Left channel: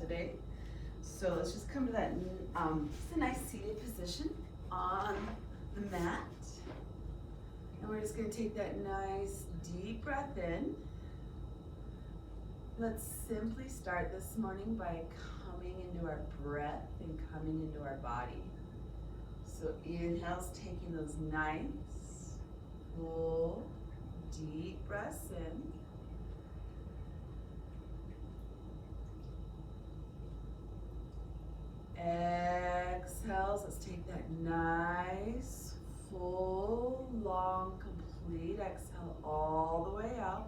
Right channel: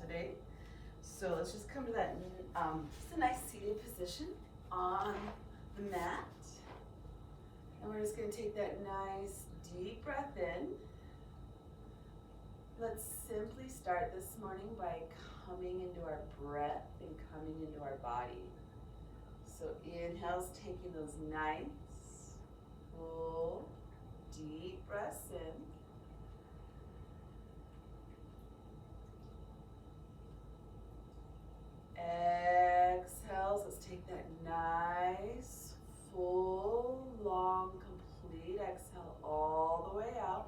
today. So let's just come to that, just a nice seated position on the mat. And we're just gonna take that nice deep breath in. Let's simply start this morning by coming into our breath and coming into our body. So inhale's taking those nice, full, deep breaths in. Exhales, let's take that nice, full, long, complete exhale all the way out.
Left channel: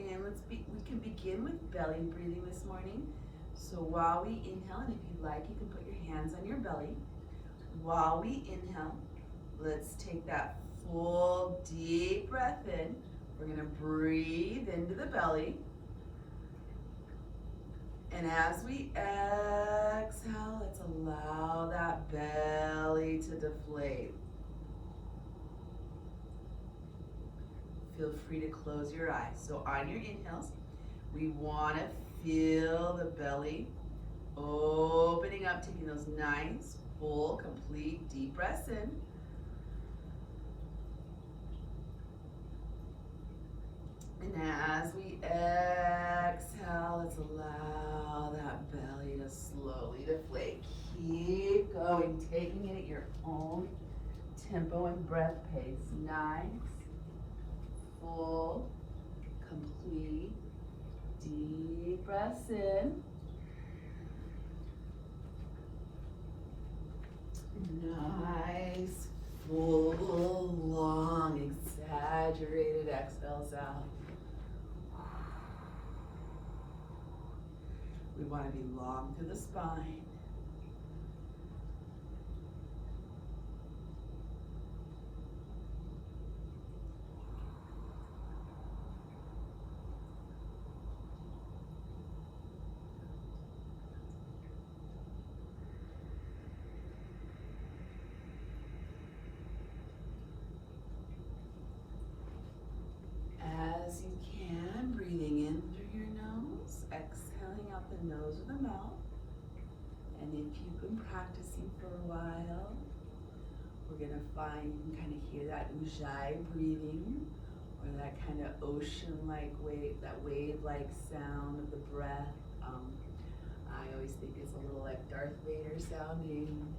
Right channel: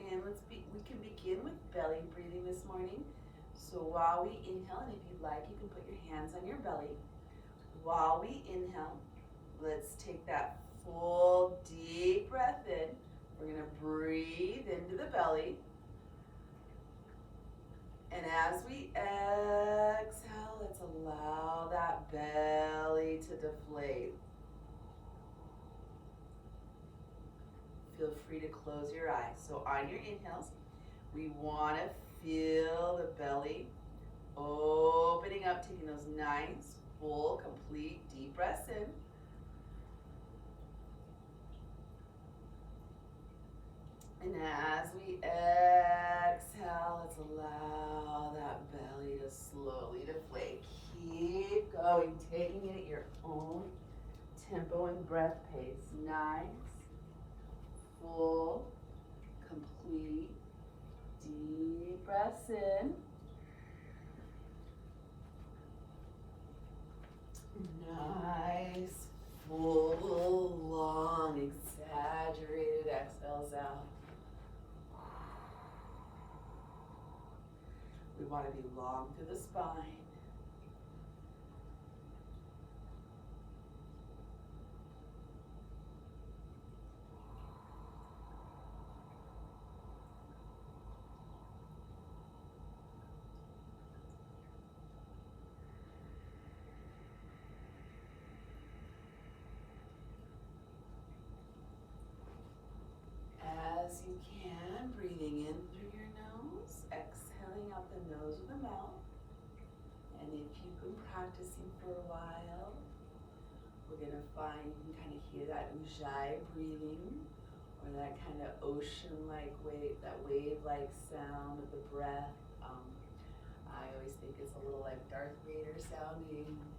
And we can begin with belly breathing this morning. So while we inhale, and if you'd like, you can put your hands on your belly. While we inhale, let's take that full, deep breath in. We're gonna breathe into the belly. And as we exhale, let's allow that belly to deflate. Feel free to close your eyes. So on your inhales, we want to feel the belly opening up, taking those nice, full, complete, deep breaths in. And as we exhale, let's allow that belly to slowly deflate. Keep going, taking it at your own tempo and breath pace. Nice, full, complete, deep breaths in. Nice, full, long, exaggerated exhales out. We want to be long through the spine. As you can, breathing in through your nose, exhaling out the nose or the mouth. And if you've been practicing for a while, we're gonna find you can kind of hear that ujjayi breathing, or that kind of ocean-like wave, that wave-like sound of the breath. I always think it's a little like Darth Vader sounding.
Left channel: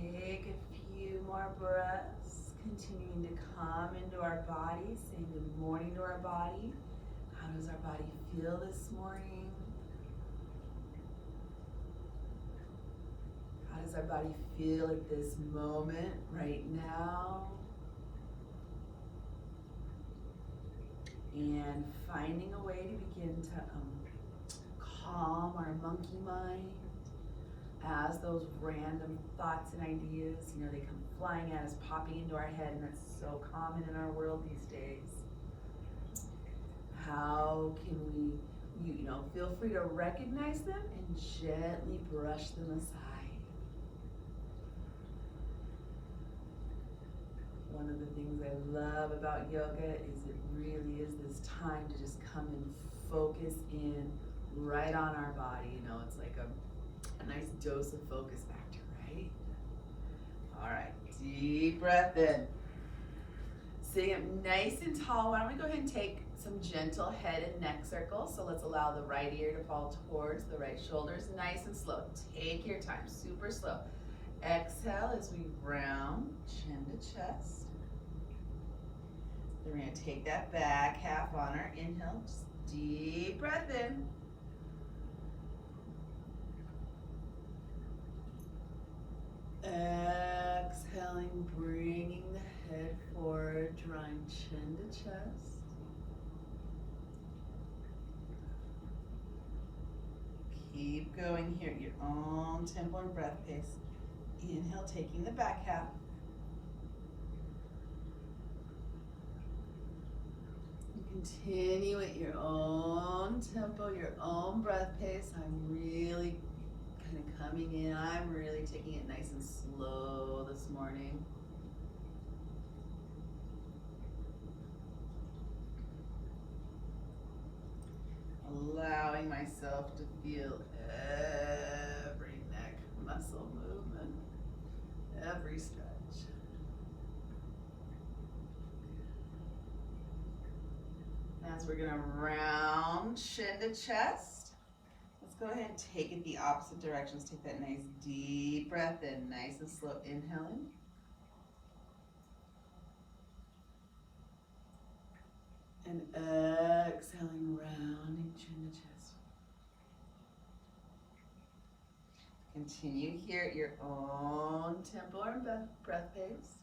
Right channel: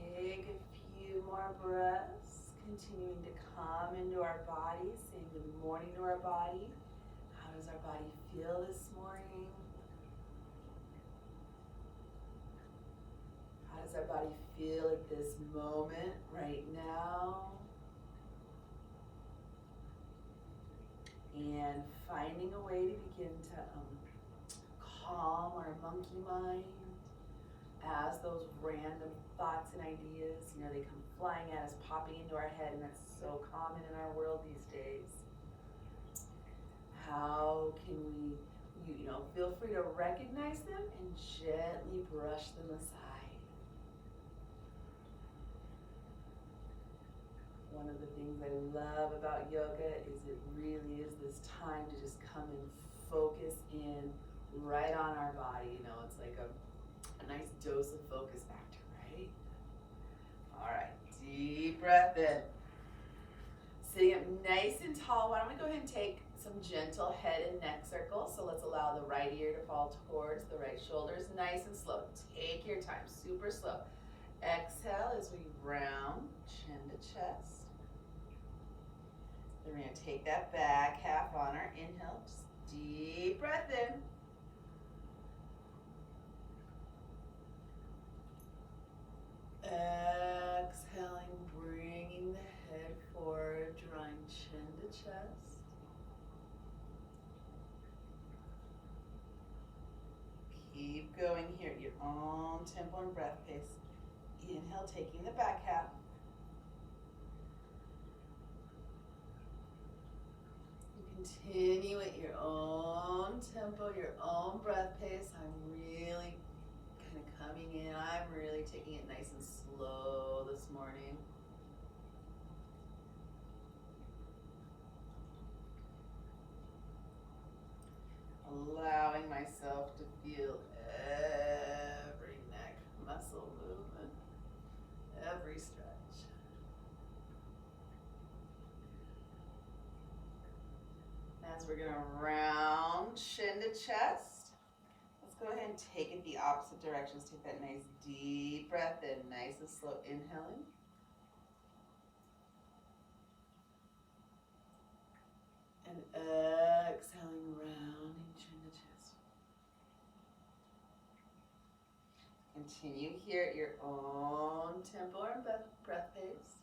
Take a few more breaths, continuing to come into our body, saying good morning to our body. How does our body feel this morning? How does our body feel at this moment, right now? And finding a way to begin to calm our monkey mind. As those random thoughts and ideas, they come flying at us, popping into our head, and that's so common in our world these days. How can we, feel free to recognize them and gently brush them aside. One of the things I love about yoga is it really is this time to just come and focus in right on our body. It's like a nice dose of focus factor, right? All right, deep breath in. Sitting up nice and tall, why don't we go ahead and take some gentle head and neck circles. So let's allow the right ear to fall towards the right shoulders, nice and slow. Take your time, super slow. Exhale as we round chin to chest. Then we're going to take that back half on our inhale. Just deep breath in. Exhaling, bringing the head forward, drawing chin to chest. Keep going here at your own tempo and breath pace. Inhale, taking the back half. Continue at your own tempo, your own breath pace. I'm really kind of coming in. I'm really taking it nice and slow this morning. Allowing myself to feel every neck muscle movement, every stretch. As we're gonna round chin to chest, let's go ahead and take it the opposite directions. Take that nice deep breath in, nice and slow inhaling. And exhaling, rounding chin to chest. Continue here at your own tempo and breath pace.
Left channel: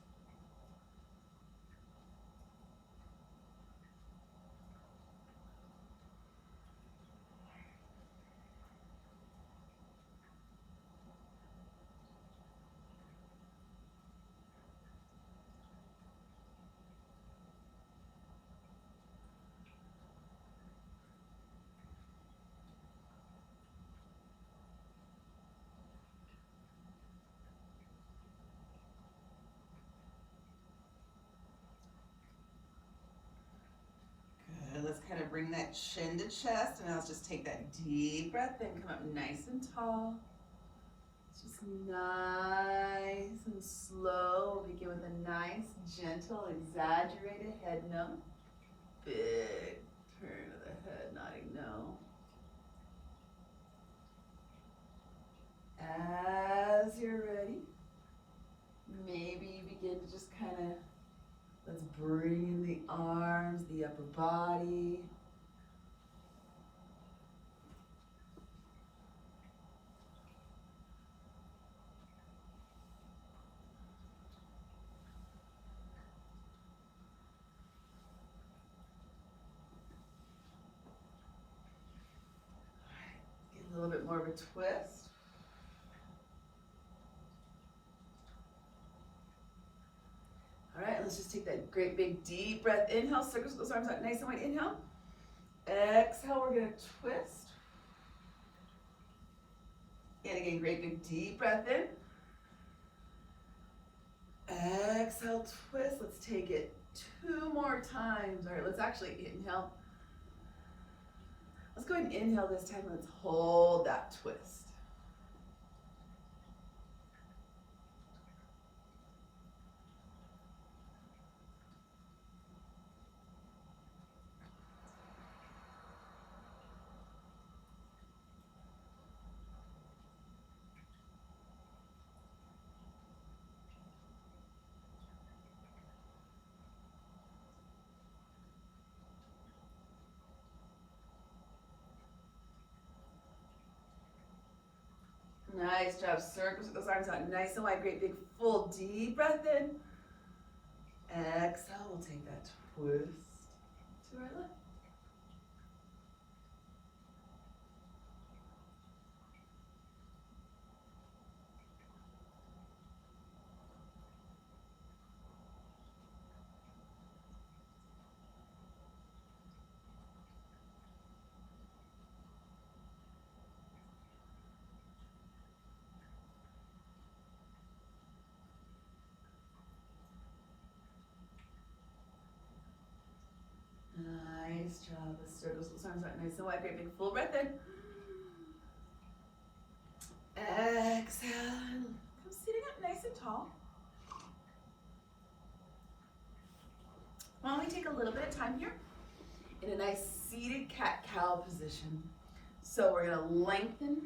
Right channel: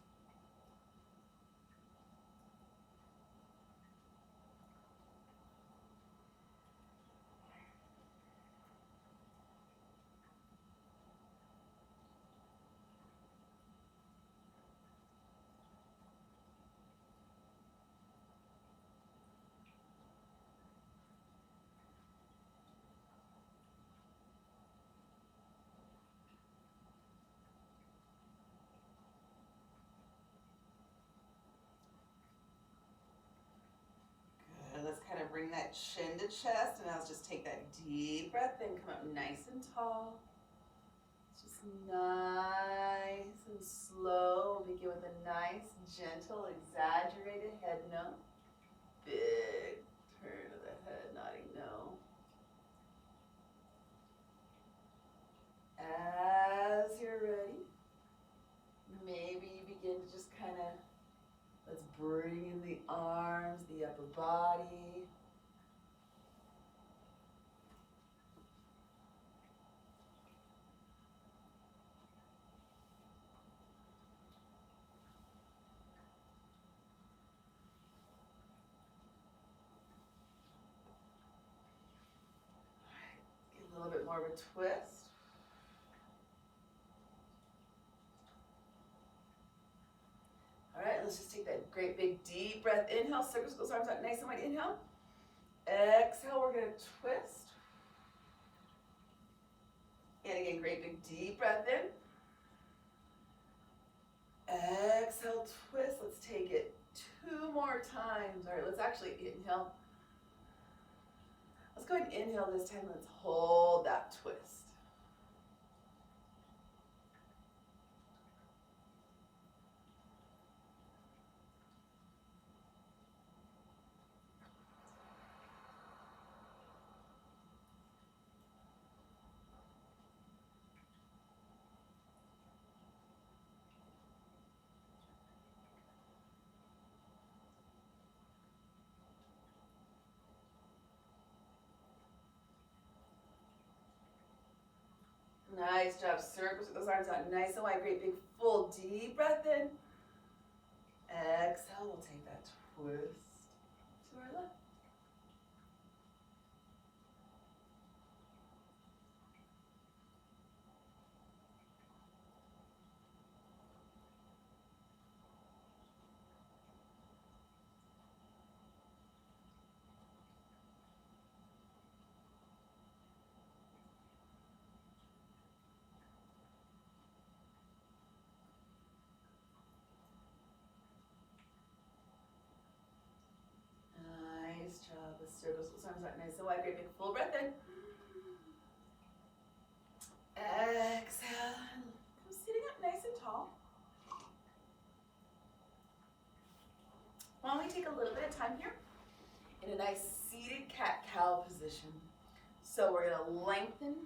Let's kind of bring that chin to chest, and now let's just take that deep breath in, come up nice and tall. Just nice and slow. We'll begin with a nice, gentle, exaggerated head no. Big turn of the head, nodding no. As you're ready, maybe begin to just kind of, let's bring in the arms, the upper body. All right, get a little bit more of a twist. All right, let's just take that great big deep breath. Inhale, circle those arms out nice and wide. Inhale. Exhale, we're gonna twist. And again, great big deep breath in. Exhale, twist. Let's take it 2 more times. All right, let's actually inhale. Let's go ahead and inhale this time. Let's hold that twist. Nice job. Circles those arms out nice and wide. Great big full deep breath in. Exhale. We'll take that twist to our left. Nice job. Let's circle those arms out nice and wide. Great big full breath in. Exhale. Come sitting up nice and tall. Why don't we take a little bit of time here in a nice seated cat-cow position. So we're gonna lengthen,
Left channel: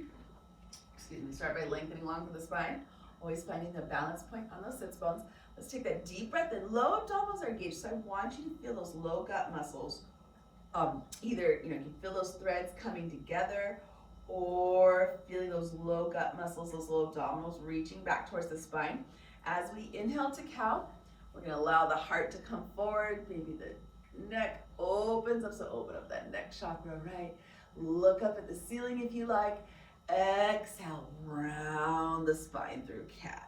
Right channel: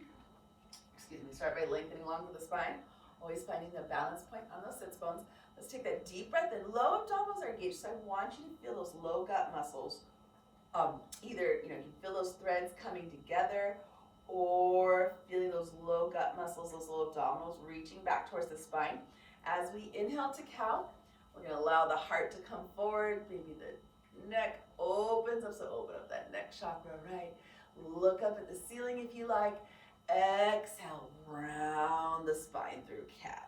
start by lengthening along the spine, always finding the balance point on those sits bones. Let's take that deep breath in. Low abdominals are engaged, so I want you to feel those low gut muscles. Either, you can feel those threads coming together, or feeling those low gut muscles, those low abdominals reaching back towards the spine. As we inhale to cow, we're going to allow the heart to come forward. Maybe the neck opens up, so open up that neck chakra, right? Look up at the ceiling if you like. Exhale, round the spine through cat.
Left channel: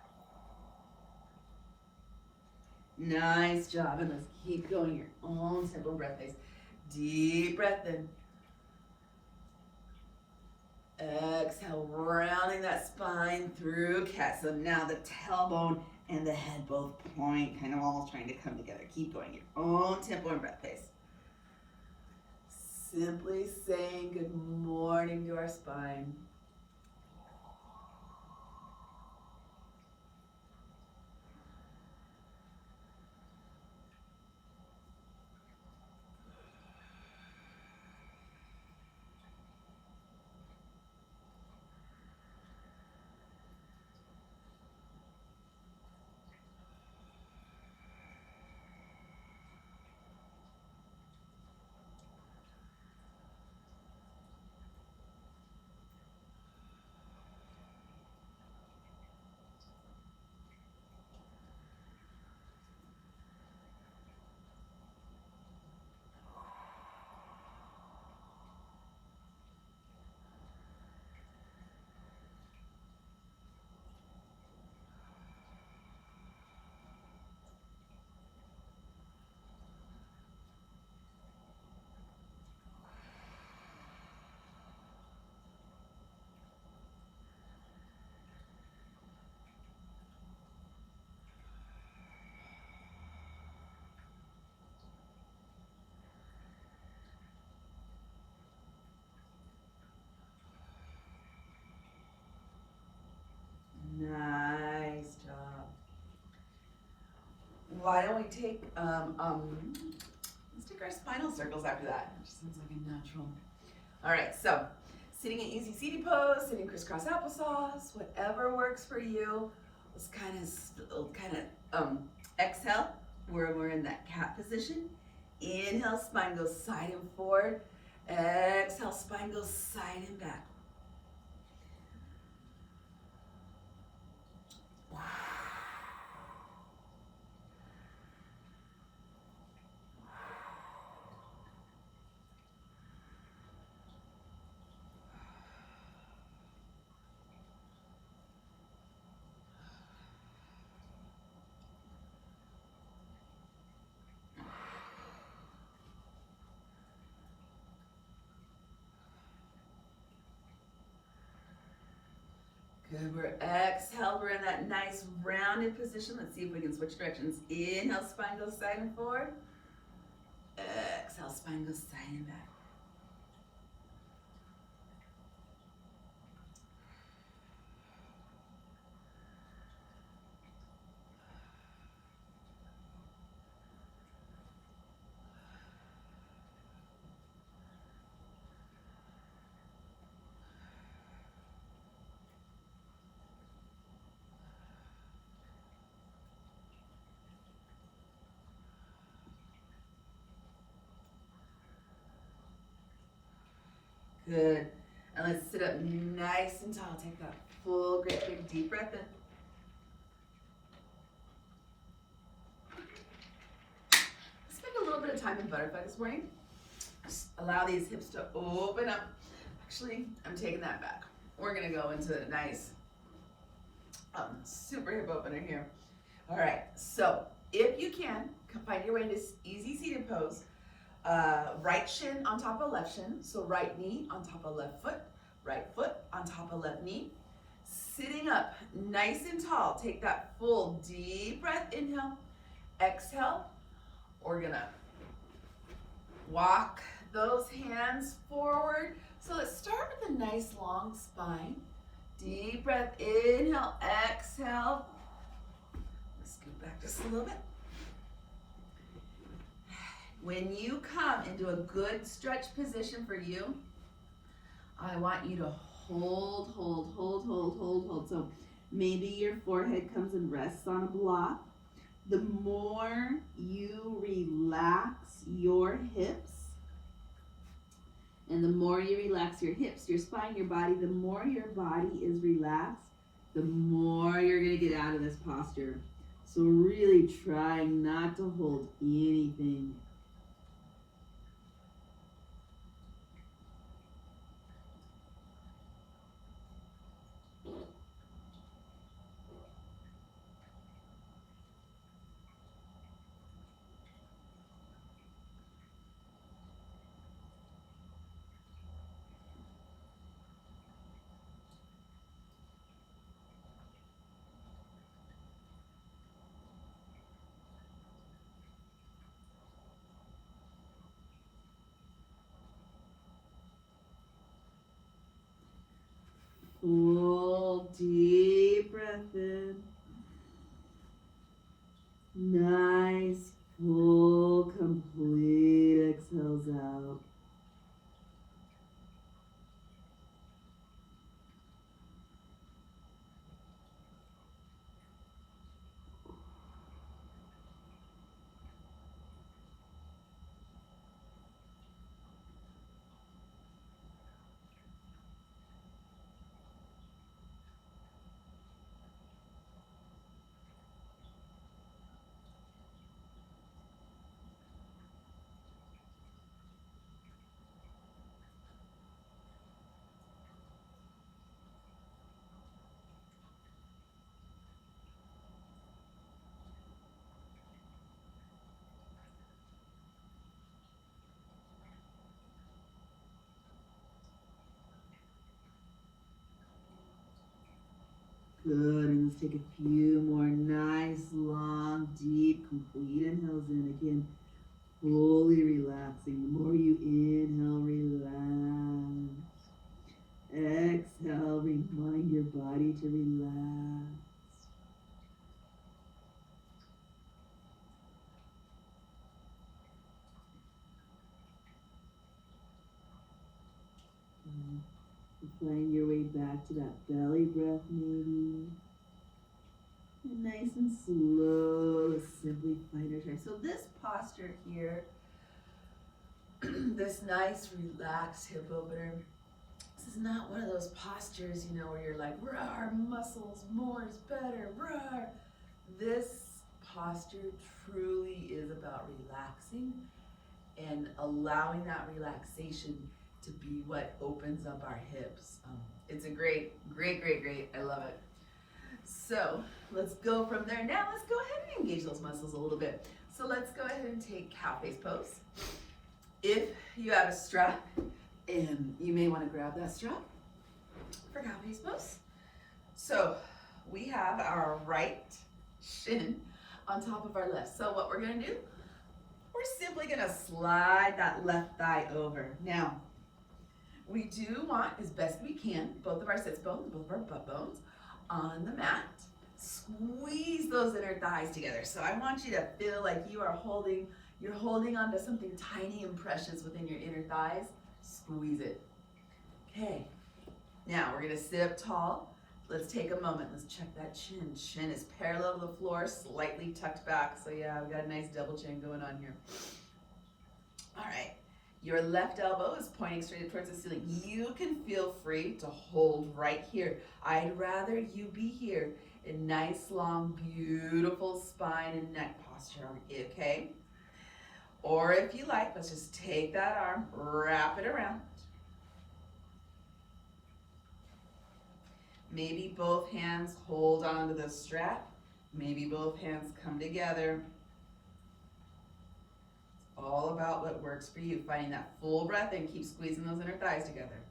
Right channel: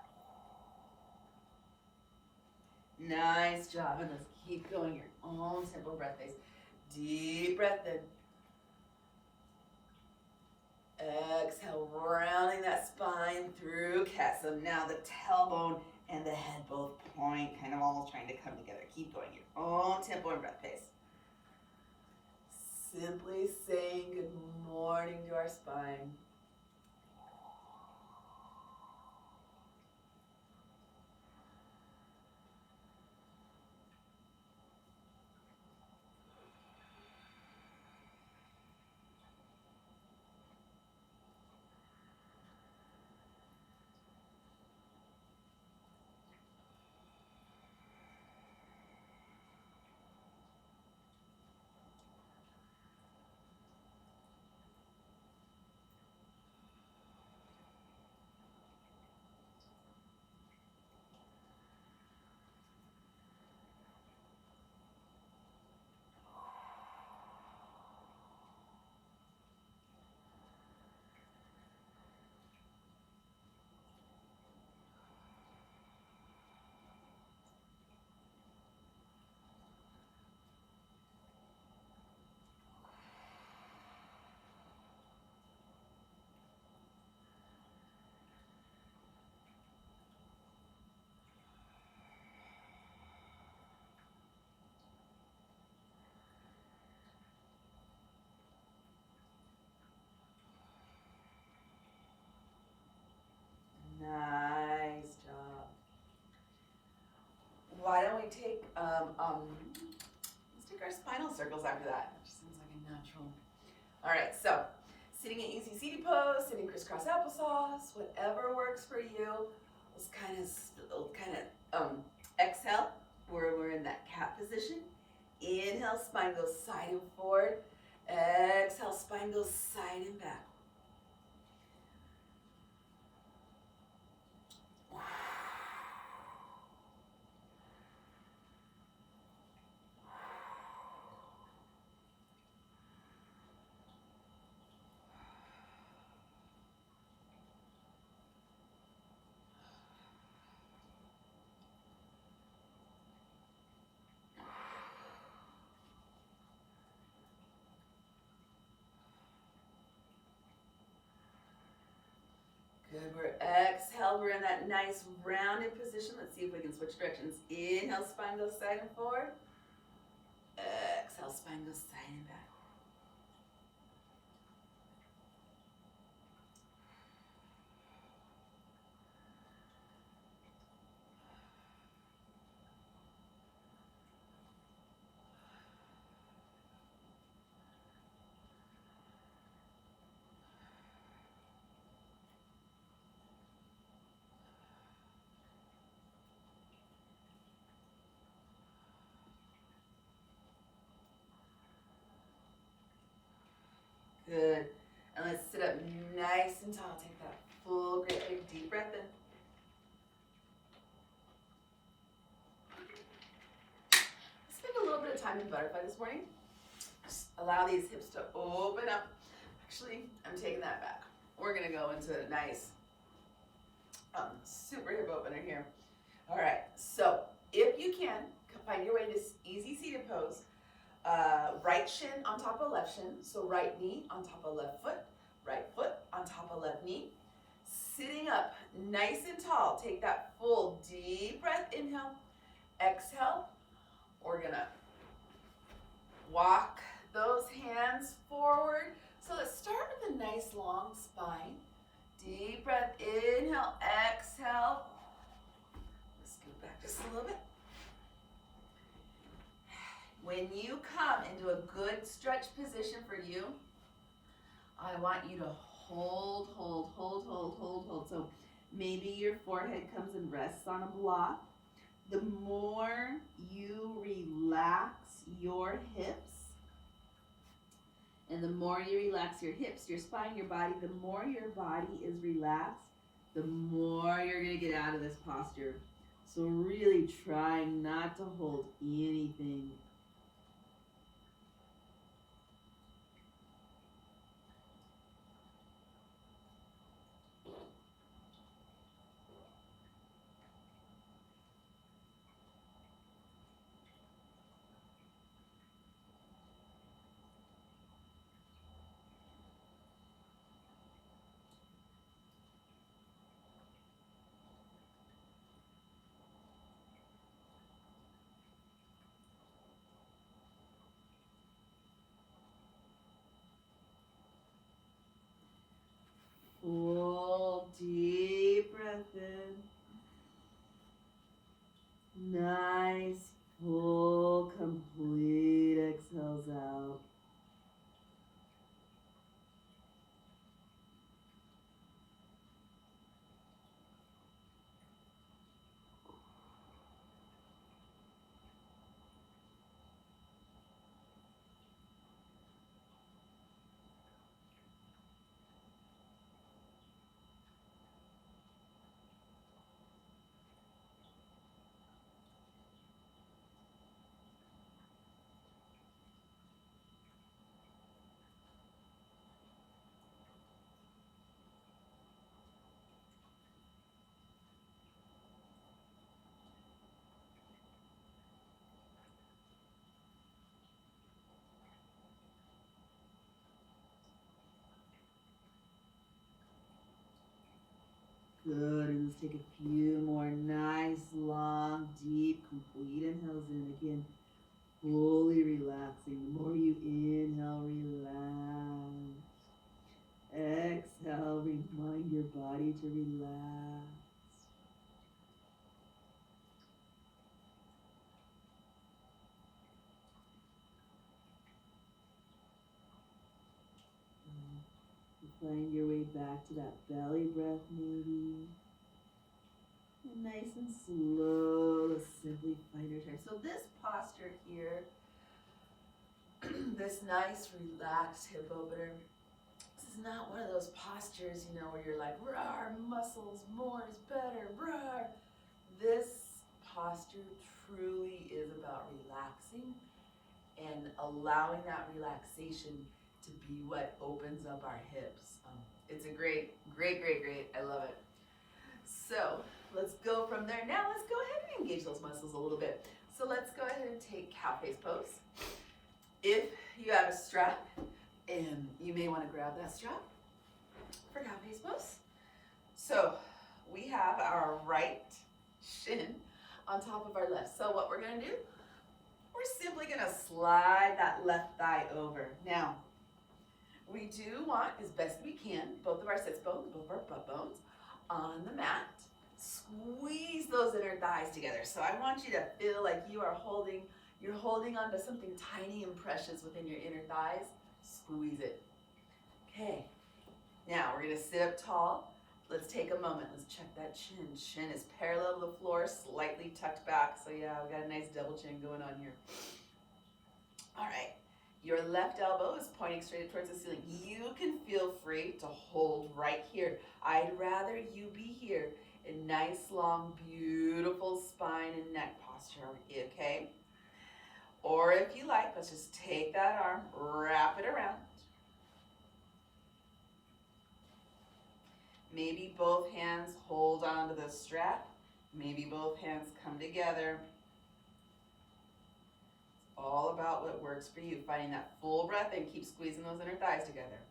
Nice job, and let's keep going your own simple breath pace. Deep breath in. Exhale, rounding that spine through cat. So now the tailbone and the head both point, kind of almost trying to come together. Keep going your own tempo and breath pace. Simply saying good morning to our spine. Nice job. Why don't we take let's take our spinal circles after that. It just sounds like a natural. All right, so sitting in easy seated pose, sitting crisscross applesauce, whatever works for you. Let's kind of exhale where we're in that cat position. Inhale, spine goes side and forward. Exhale, spine goes side and back. Good, we're exhaled, we're in that nice rounded position. Let's see if we can switch directions. Inhale, spine goes side and forward. Exhale, spine goes side and back. Good. And let's sit up nice and tall. Take that full, great big deep breath in. Spend a little bit of time in butterfly this morning. Just allow these hips to open up. Actually, I'm taking that back. We're gonna go into a nice super hip opener here. All right, so if you can, find your way to easy seated pose. Right shin on top of left shin, so right knee on top of left foot, right foot on top of left knee. Sitting up nice and tall, take that full deep breath, inhale, exhale. We're gonna walk those hands forward. So let's start with a nice long spine. Deep breath, inhale, exhale. Let's scoot back just a little bit. When you come into a good stretch position for you, I want you to hold. So maybe your forehead comes and rests on a block, The more you relax your hips, and the more you relax your hips, your spine, your body, the more your body is relaxed, the more you're going to get out of this posture. So really trying not to hold anything. Full deep breath in. Nice, full, complete exhales out. Good, and let's take a few more nice, long, deep, complete inhales in. Again, fully relaxing. The more you inhale, relax. Exhale, remind your body to relax. Find your way back to that belly breath, maybe. And nice and slow, simply find your time. So this posture here, this nice relaxed hip opener, this is not one of those postures, you know, where you're like, rawr, muscles, more is better, rawr. This posture truly is about relaxing and allowing that relaxation to be what opens up our hips. It's a great. I love it. So let's go from there. Now let's go ahead and engage those muscles a little bit. So let's go ahead and take cow face pose. If you have a strap, and you may want to grab that strap for cow face pose. So we have our right shin on top of our left. So what we're going to do, we're simply going to slide that left thigh over. Now, we do want, as best we can, both of our sits bones, both of our butt bones on the mat. Squeeze those inner thighs together. So I want you to feel like you're holding onto something tiny and precious within your inner thighs. Squeeze it. Okay. Now we're going to sit up tall. Let's take a moment. Let's check that chin. Chin is parallel to the floor, slightly tucked back. So yeah, we've got a nice double chin going on here. All right. Your left elbow is pointing straight towards the ceiling. You can feel free to hold right here. I'd rather you be here in nice, long, beautiful spine and neck posture, okay? Or if you like, let's just take that arm, wrap it around. Maybe both hands hold onto the strap. Maybe both hands come together. All about what works for you. Finding that full breath and keep squeezing those inner thighs together.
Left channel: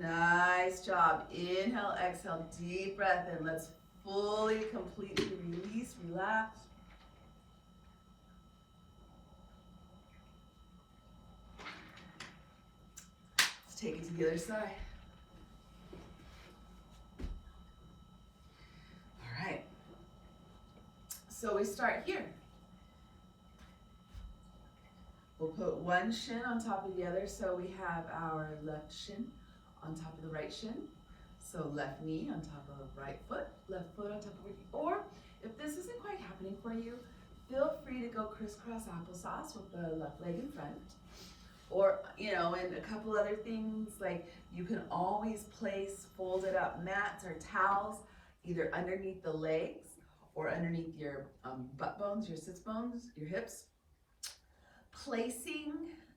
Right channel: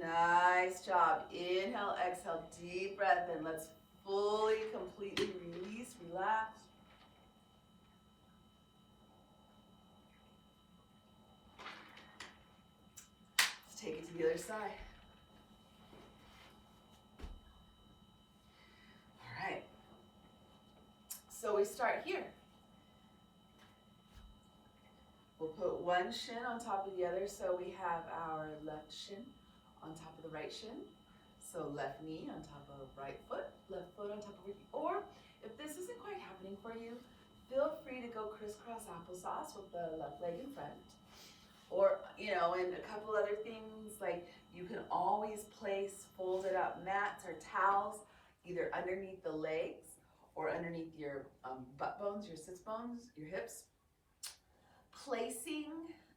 Nice job. Inhale, exhale, deep breath in. Let's fully, completely release, relax. Let's take it to the other side. All right. So we start here. We'll put one shin on top of the other, so we have our left shin on top of the right shin. So left knee on top of right foot, left foot on top of right knee. Or if this isn't quite happening for you, feel free to go crisscross applesauce with the left leg in front. Or, you know, and a couple other things, like you can always place folded up mats or towels either underneath the legs or underneath your butt bones, your sits bones, your hips. Placing,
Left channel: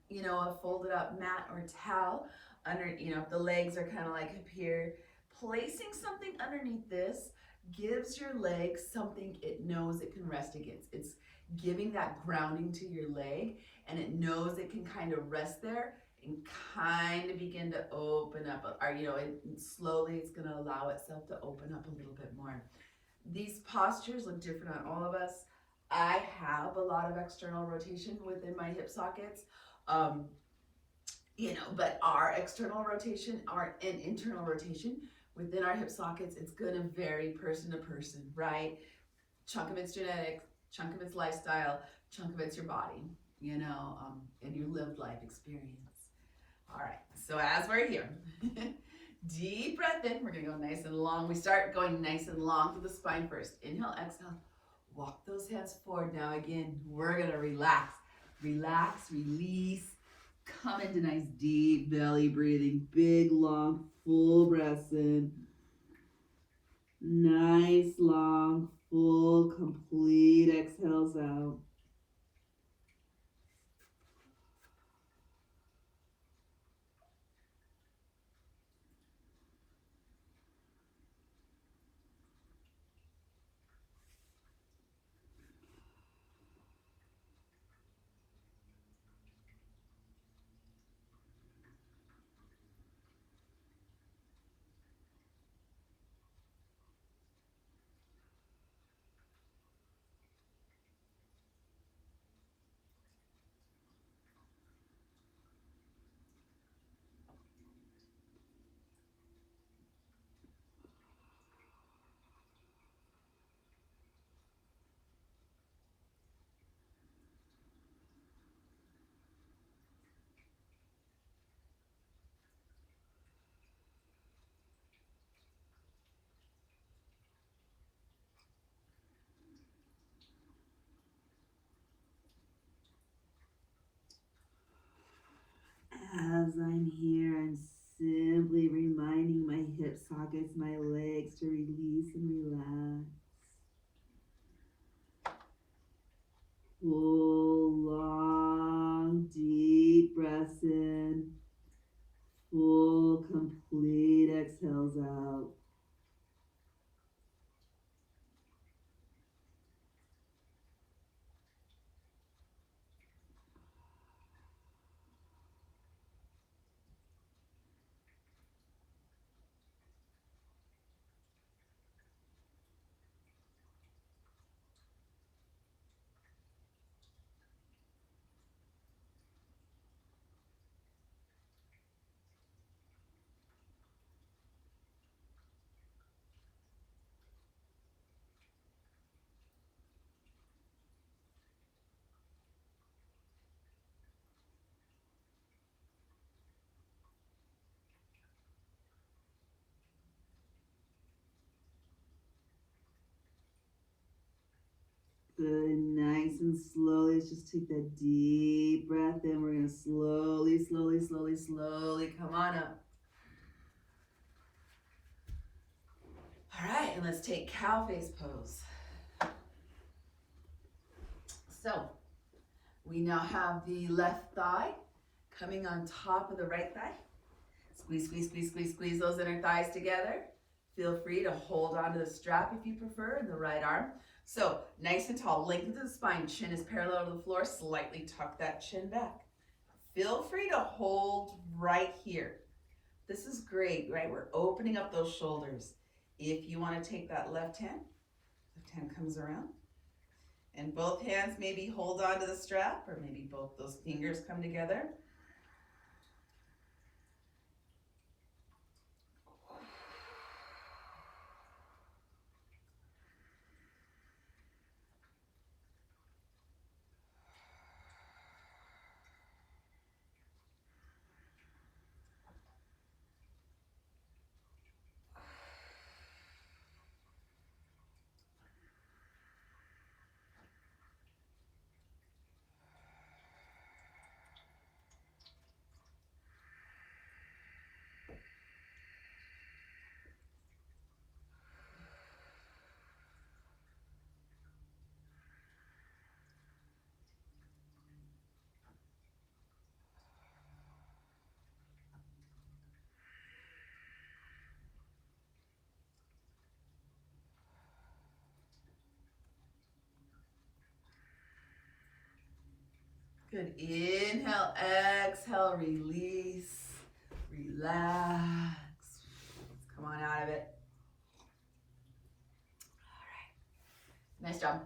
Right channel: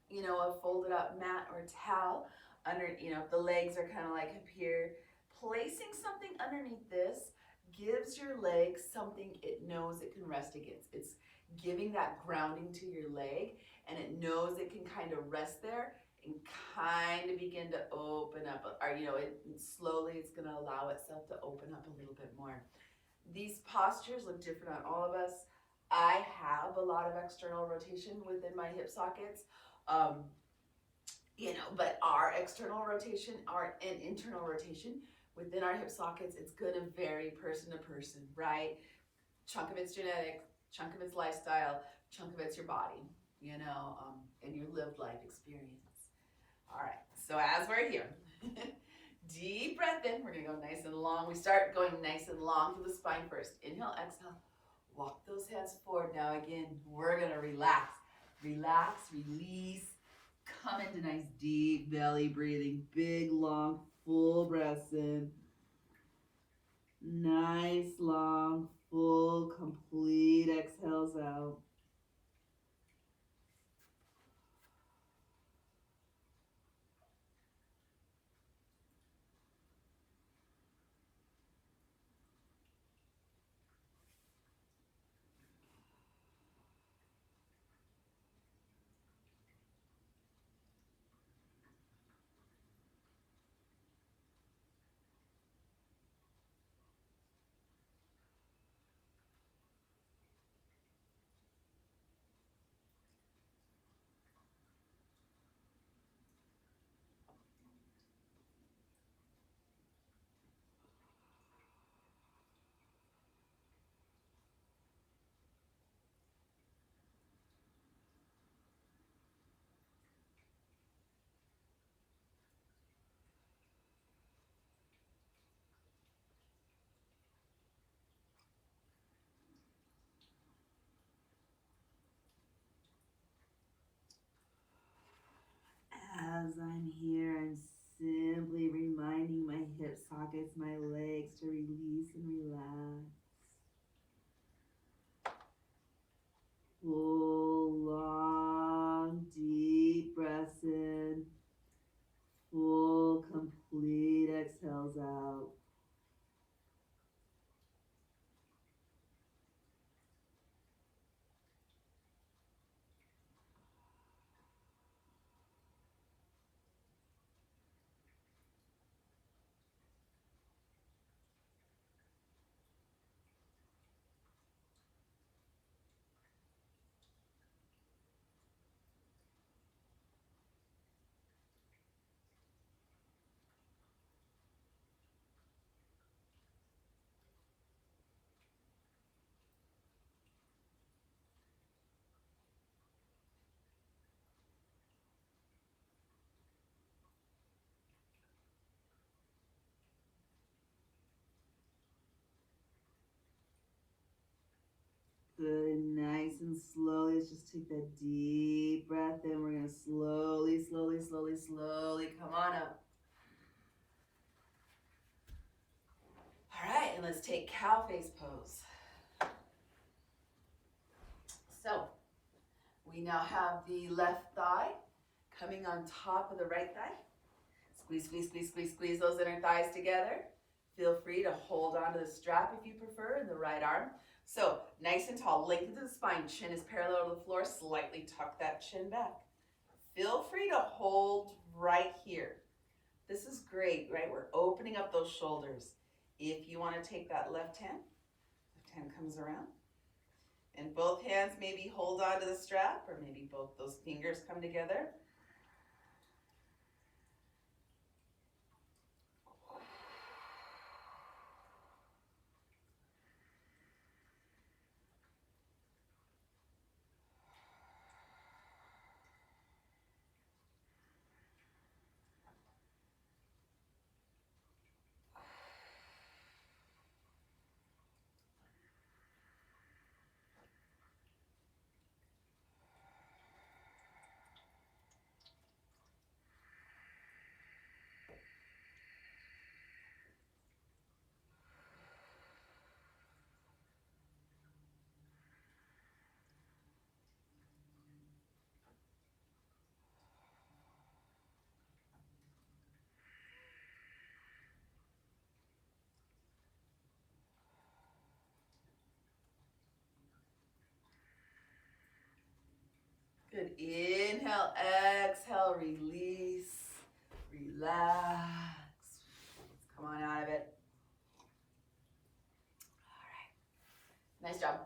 you know, a folded up mat or towel under, you know, if the legs are kind of like up here, placing something underneath this gives your leg something it knows it can rest against. It's giving that grounding to your leg, and it knows it can kind of rest there and kind of begin to open up, or, you know, slowly it's going to allow itself to open up a little bit more. These postures look different on all of us. I have a lot of external rotation within my hip sockets, you know, but our external rotation, our internal rotation within our hip sockets, it's going to vary person to person, right? Chunk of it's genetics, chunk of it's lifestyle, chunk of it's your body, you know, and your lived life experience. All right, so as we're here, deep breath in. We're going to go nice and long. We start going nice and long through the spine first. Inhale, exhale. Walk those hands forward. Now again, we're going to relax. Relax, release. Come into nice deep belly breathing. Big, long, full breaths in. Nice, long, full, complete exhales out. As I'm here, I'm simply reminding my hip sockets, my legs to release and relax. Full, long, deep breaths in. Full, complete exhales out. Good, nice and slowly. Let's just take that deep breath in. We're going to slowly, slowly, slowly, slowly come on up. All right, and let's take cow face pose. So we now have the left thigh coming on top of the right thigh. Squeeze, squeeze, squeeze, squeeze, squeeze those inner thighs together. Feel free to hold onto the strap if you prefer in the right arm. So nice and tall, lengthen the spine, chin is parallel to the floor, slightly tuck that chin back. Feel free to hold right here. This is great, right? We're opening up those shoulders. If you want to take that left hand comes around, and both hands maybe hold on to the strap, or maybe both those fingers come together. Good. Inhale, exhale, release, relax. Come on out of it. All right. Nice job.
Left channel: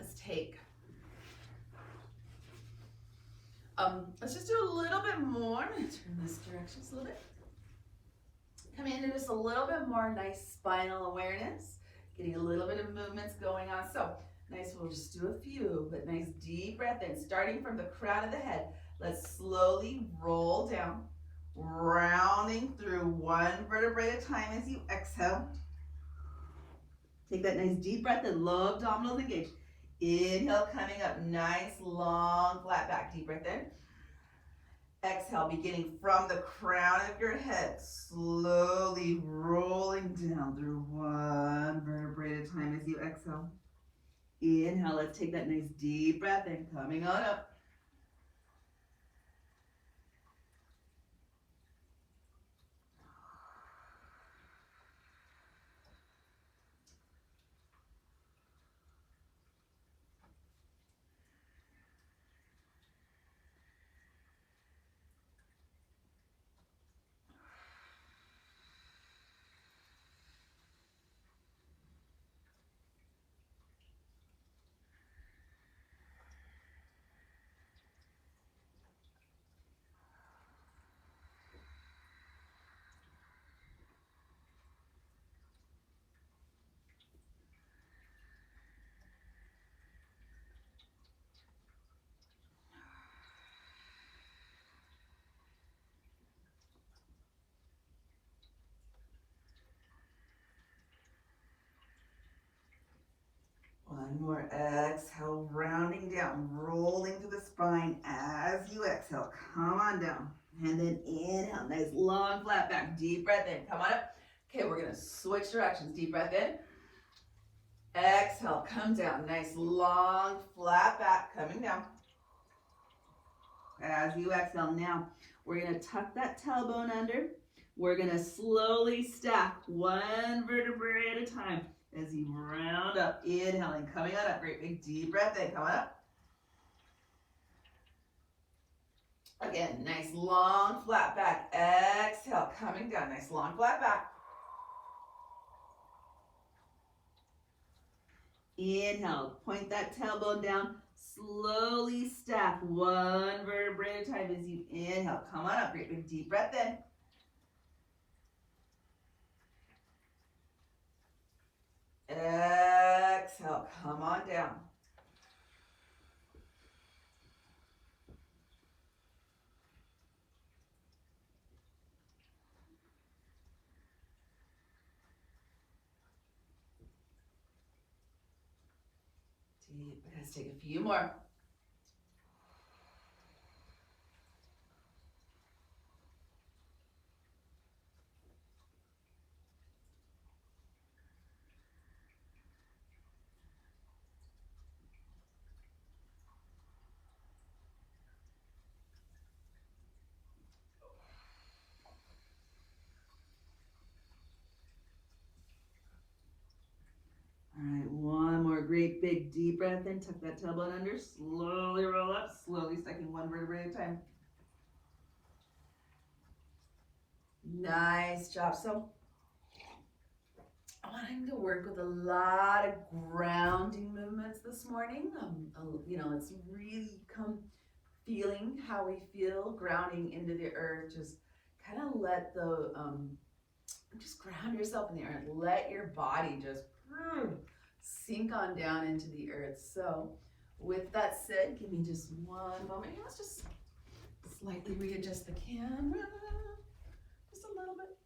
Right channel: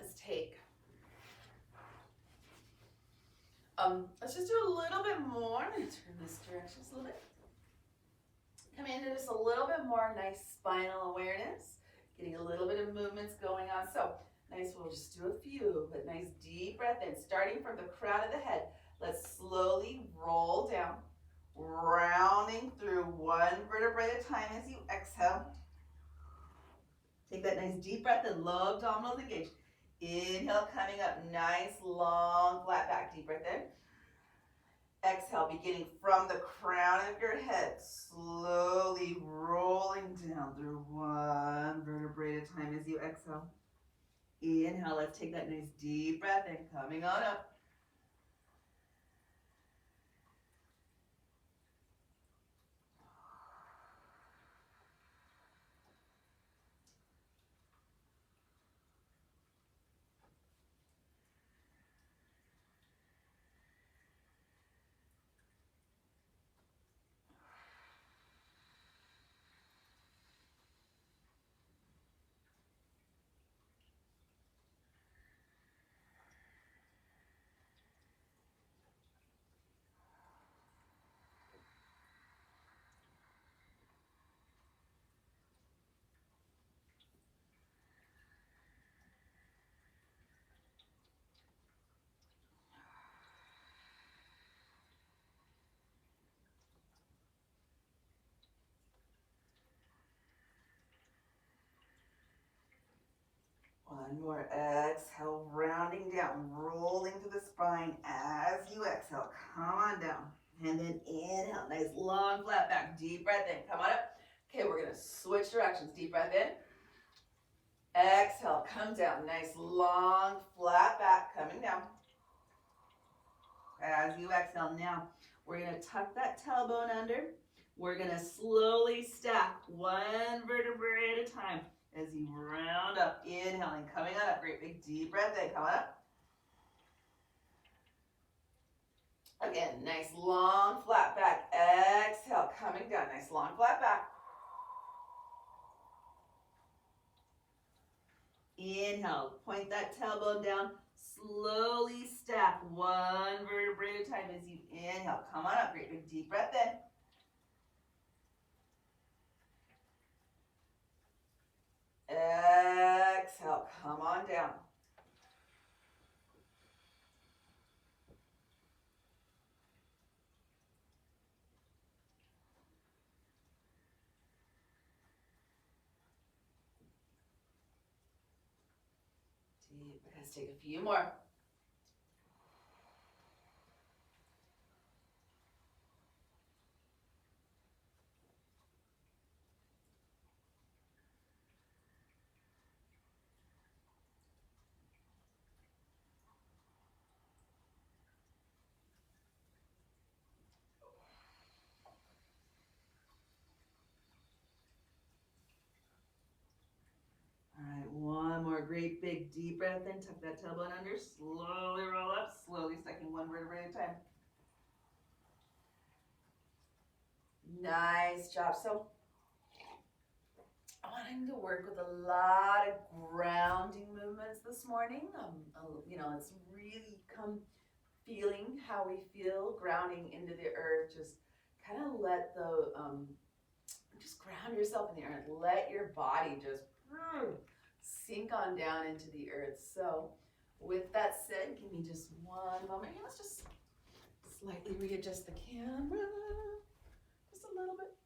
Let's take. Let's just do a little bit more. Turn this direction just a little bit. Come into just a little bit more nice spinal awareness. Getting a little bit of movements going on. So nice, we'll just do a few, but nice deep breath in. Starting from the crown of the head, let's slowly roll down, rounding through one vertebrae at a time as you exhale. Take that nice deep breath in, low abdominals engaged. Inhale, coming up, nice, long, flat back, deep breath in. Exhale, beginning from the crown of your head, slowly rolling down through one vertebrae at a time as you exhale. Inhale, let's take that nice deep breath in, coming on up. One more, exhale, rounding down, rolling to the spine as you exhale. Come on down. And then inhale, nice long flat back, deep breath in, come on up. Okay, we're gonna switch directions, deep breath in. Exhale, come down, nice long flat back, coming down. As you exhale, now we're gonna tuck that tailbone under. We're gonna slowly stack one vertebrae at a time. As you round up, inhaling, coming on up, great big deep breath in, come on up. Again, nice long flat back, exhale, coming down, nice long flat back. Inhale, point that tailbone down, slowly stack one vertebrae at a time as you inhale, come on up, great big deep breath in. Exhale, come on down. Deep, let's take a few more. All right, one more great big deep breath in, tuck that tailbone under, slowly roll up, slowly stacking one vertebrae at a time. Nice job. So I wanted to work with a lot of grounding movements this morning. You know, let's really come feeling how we feel, grounding into the earth. Just kind of let the, just ground yourself in the earth. Let your body just sink on down into the earth. So with that said, give me just one moment. Let's just slightly readjust the camera just a little bit.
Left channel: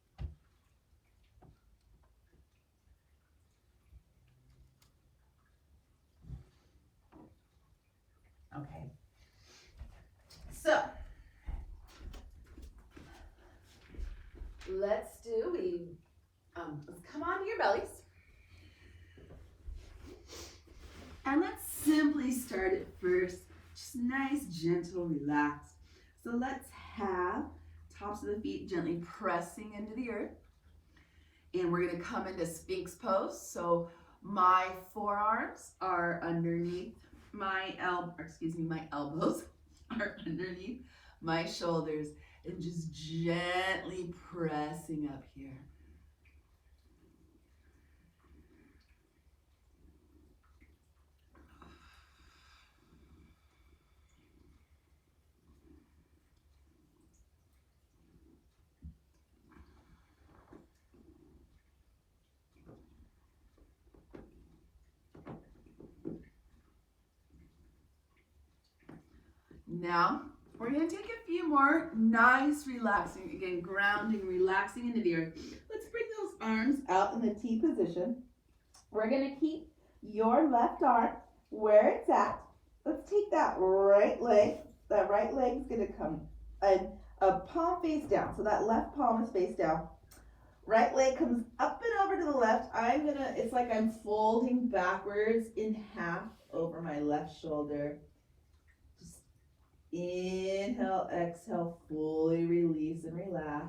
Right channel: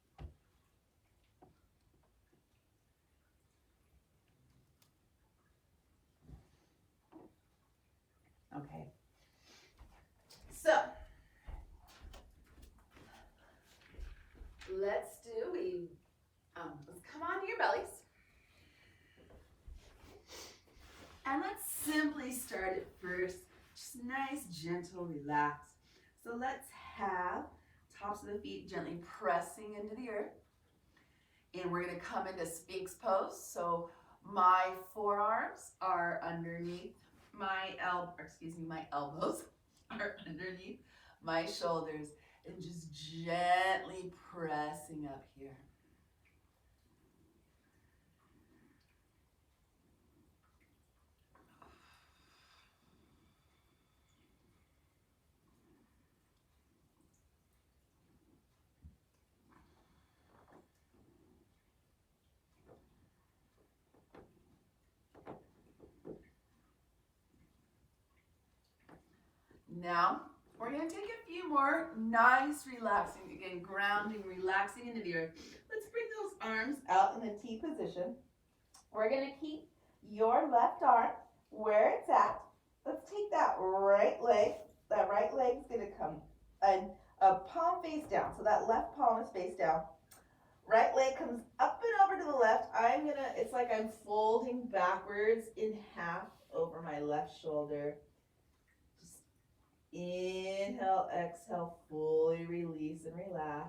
Okay. So let's come onto your bellies. And let's simply start it first. Just nice, gentle, relaxed. So let's have tops of the feet gently pressing into the earth. And we're gonna come into Sphinx pose. So my forearms are underneath my elbows are underneath my shoulders, and just gently pressing up here. Now, we're going to take a few more nice relaxing, again, grounding, relaxing into the earth. Let's bring those arms out in the T position. We're going to keep your left arm where it's at. Let's take that right leg. That right leg is going to come a palm face down. So that left palm is face down. Right leg comes up and over to the left. It's like I'm folding backwards in half over my left shoulder. Inhale, exhale, fully release and relax.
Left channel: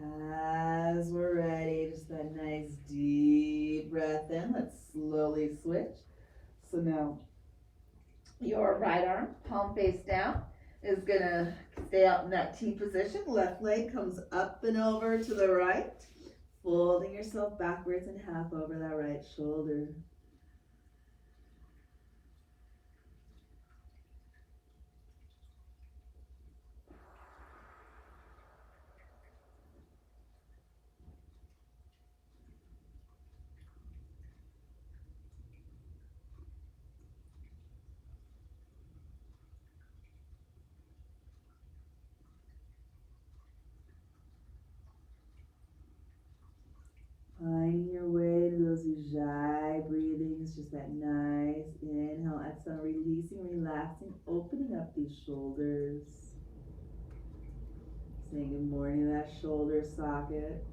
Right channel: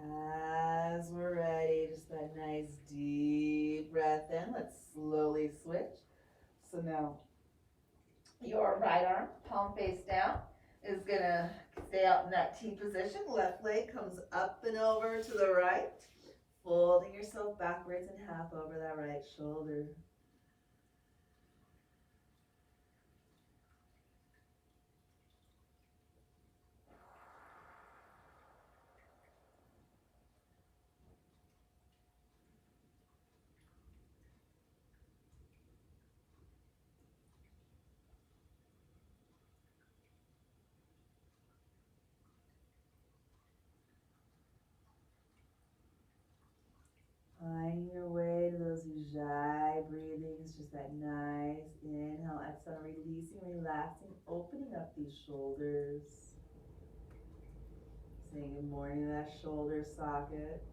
As we're ready, just that nice deep breath in. Let's slowly switch. So now your right arm, palm face down, is gonna stay out in that T position. Left leg comes up and over to the right, folding yourself backwards and half over that right shoulder. Finding your way to those ujjayi breathings, just that nice inhale, exhale, releasing, relaxing, opening up these shoulders. Saying good morning to that shoulder socket.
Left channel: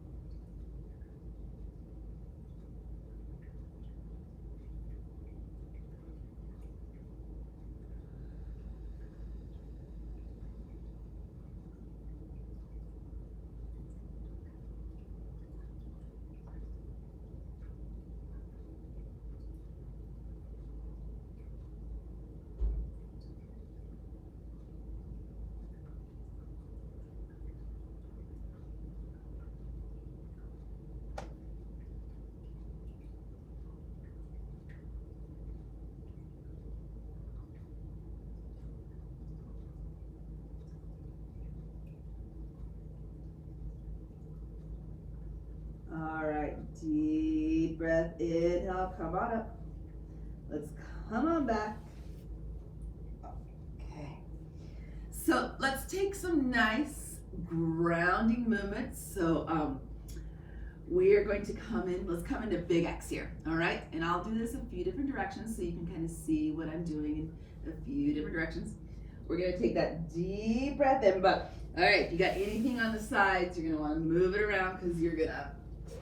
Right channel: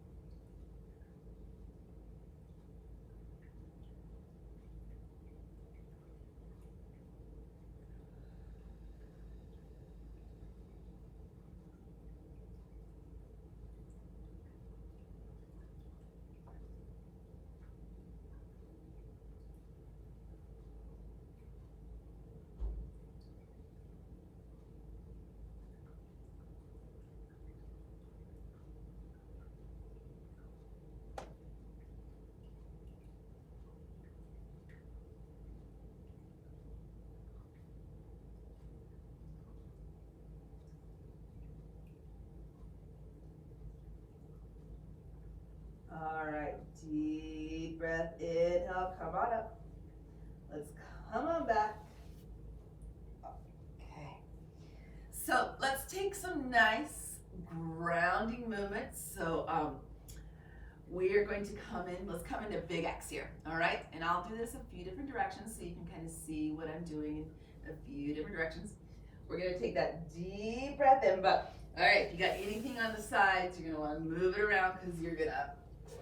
All right, deep breath, inhale, come on up. Let's come on back. Okay. So let's take some nice grounding movements. So we are going to come in, let's come into big X here, all right? And I'll do this a few different directions so you can kind of see what I'm doing in a few different directions. We're gonna take that deep breath in, but all right, if you got anything on the sides, you're gonna wanna move it around because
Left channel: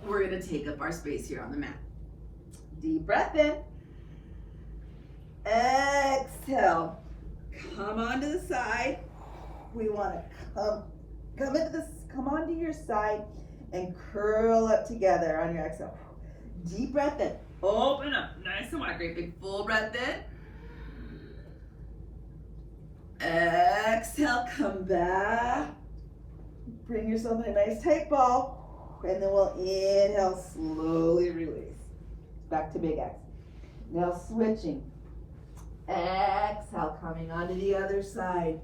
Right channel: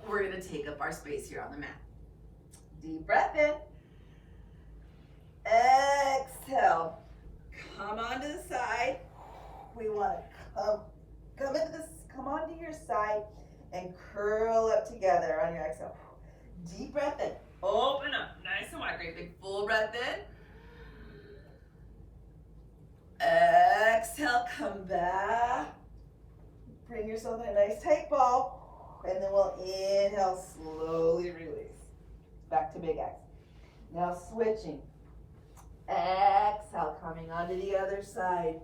we're gonna take up our space here on the mat. Deep breath in. Exhale. Come onto the side. We wanna come onto your side and curl up together on your exhale. Deep breath in. Open up, nice and wide. Great big full breath in. Exhale, come back. Bring yourself in a nice tight ball. And then we'll inhale, slowly release. Back to big X. Now switching. Exhale, coming onto the other side.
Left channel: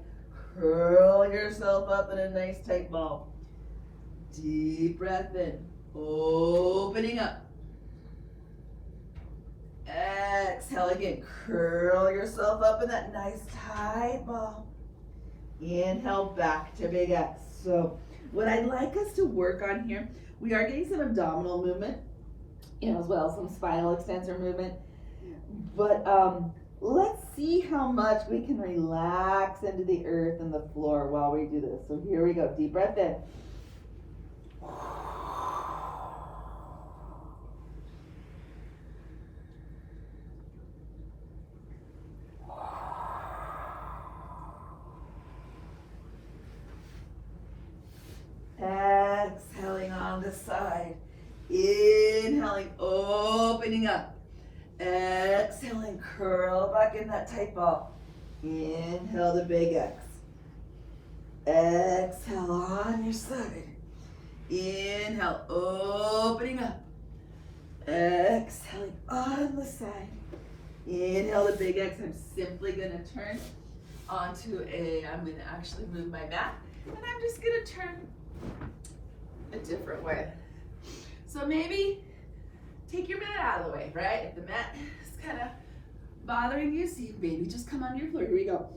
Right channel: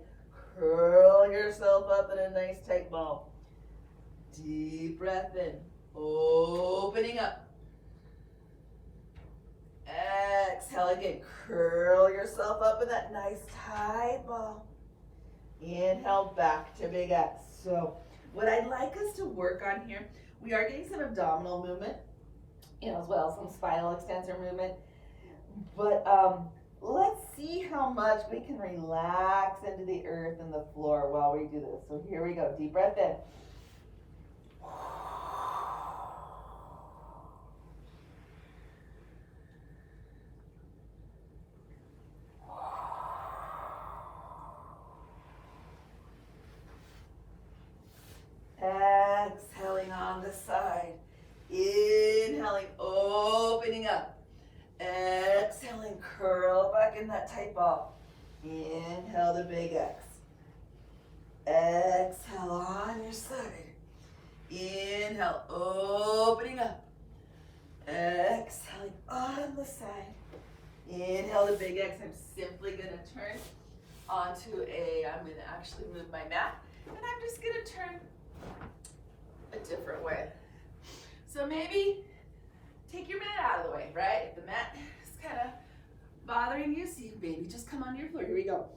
Curl yourself up in a nice tight ball. Deep breath in. Opening up. Exhale again. Curl yourself up in that nice tight ball. Inhale, back to big X. So what I'd like us to work on here, we are getting some abdominal movement, as well as some spinal extensor movement. But let's see how much we can relax into the earth and the floor while we do this. So here we go. Deep breath in. Exhaling on the side. Inhaling, opening up. Exhaling, curl back in that tight ball. Inhale the big X. Exhale on your side. Inhale, opening up. Exhaling on the side. Inhale the big X. I'm simply going to turn onto I'm going to actually move my mat. And I'm just going to turn a different way. So maybe take your mat out of the way, right? If the mat is kind of bothering you, so you maybe just come onto your floor. Here we go.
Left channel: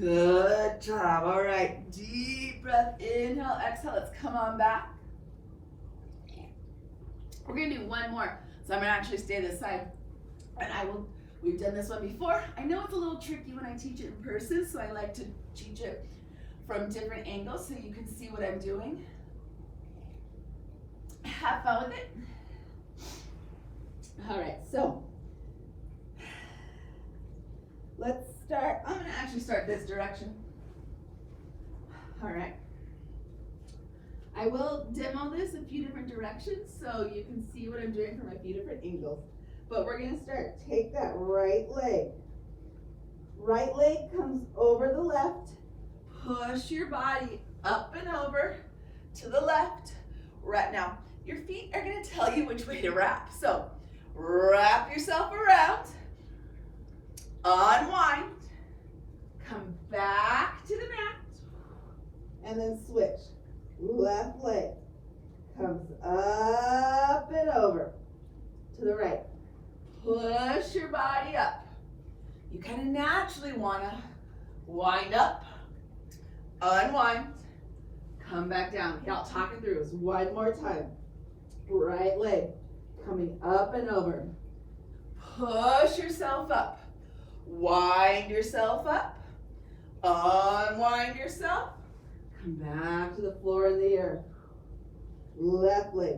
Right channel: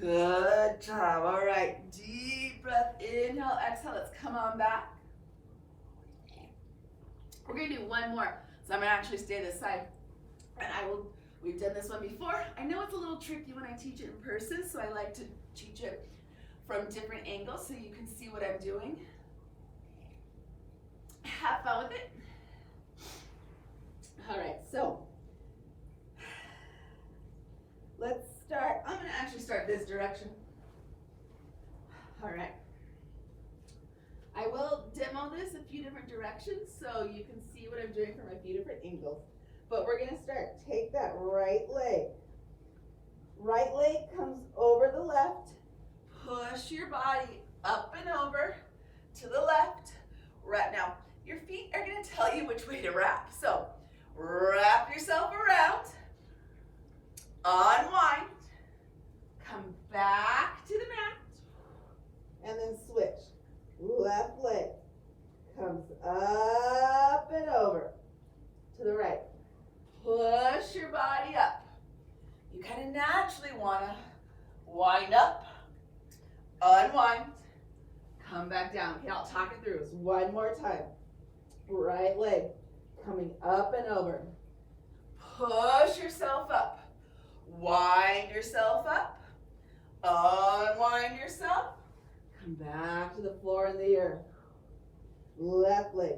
Good job. All right. Deep breath. Inhale, exhale. Let's come on back. We're going to do one more. So I'm going to actually stay this side. And we've done this one before. I know it's a little tricky when I teach it in person, so I like to teach it from different angles so you can see what I'm doing. Have fun with it. All right. So let's start. I'm going to actually start this direction. All right. I will demo this a few different directions so you can see what I'm doing from a few different angles. But we're going to start. Take that right leg. Right leg comes over the left. Push your body up and over to the left. Right now, your feet are going to tell you which way to wrap. So wrap yourself around. Unwind. Come back to the mat. And then switch. Left leg comes up and over to the right. Push your body up. You kind of naturally want to wind up, unwind, come back down. Okay, I'll talk it through. It's one more time. Right leg coming up and over. Push yourself up. Wind yourself up. Unwind yourself. Come back to the floor in the air. Left leg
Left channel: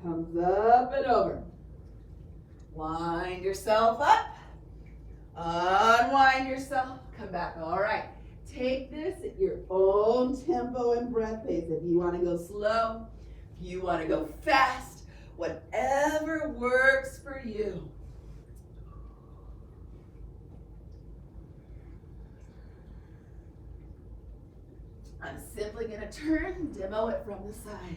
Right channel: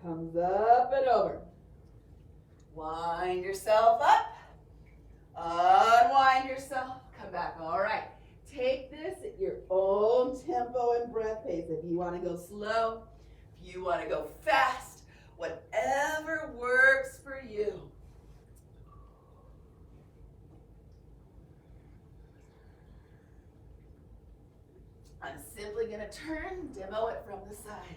comes up and over. Wind yourself up. Unwind yourself. Come back. All right. Take this at your own tempo and breath pace. If you want to go slow, if you want to go fast, whatever works for you. I'm simply going to turn and demo it from the side.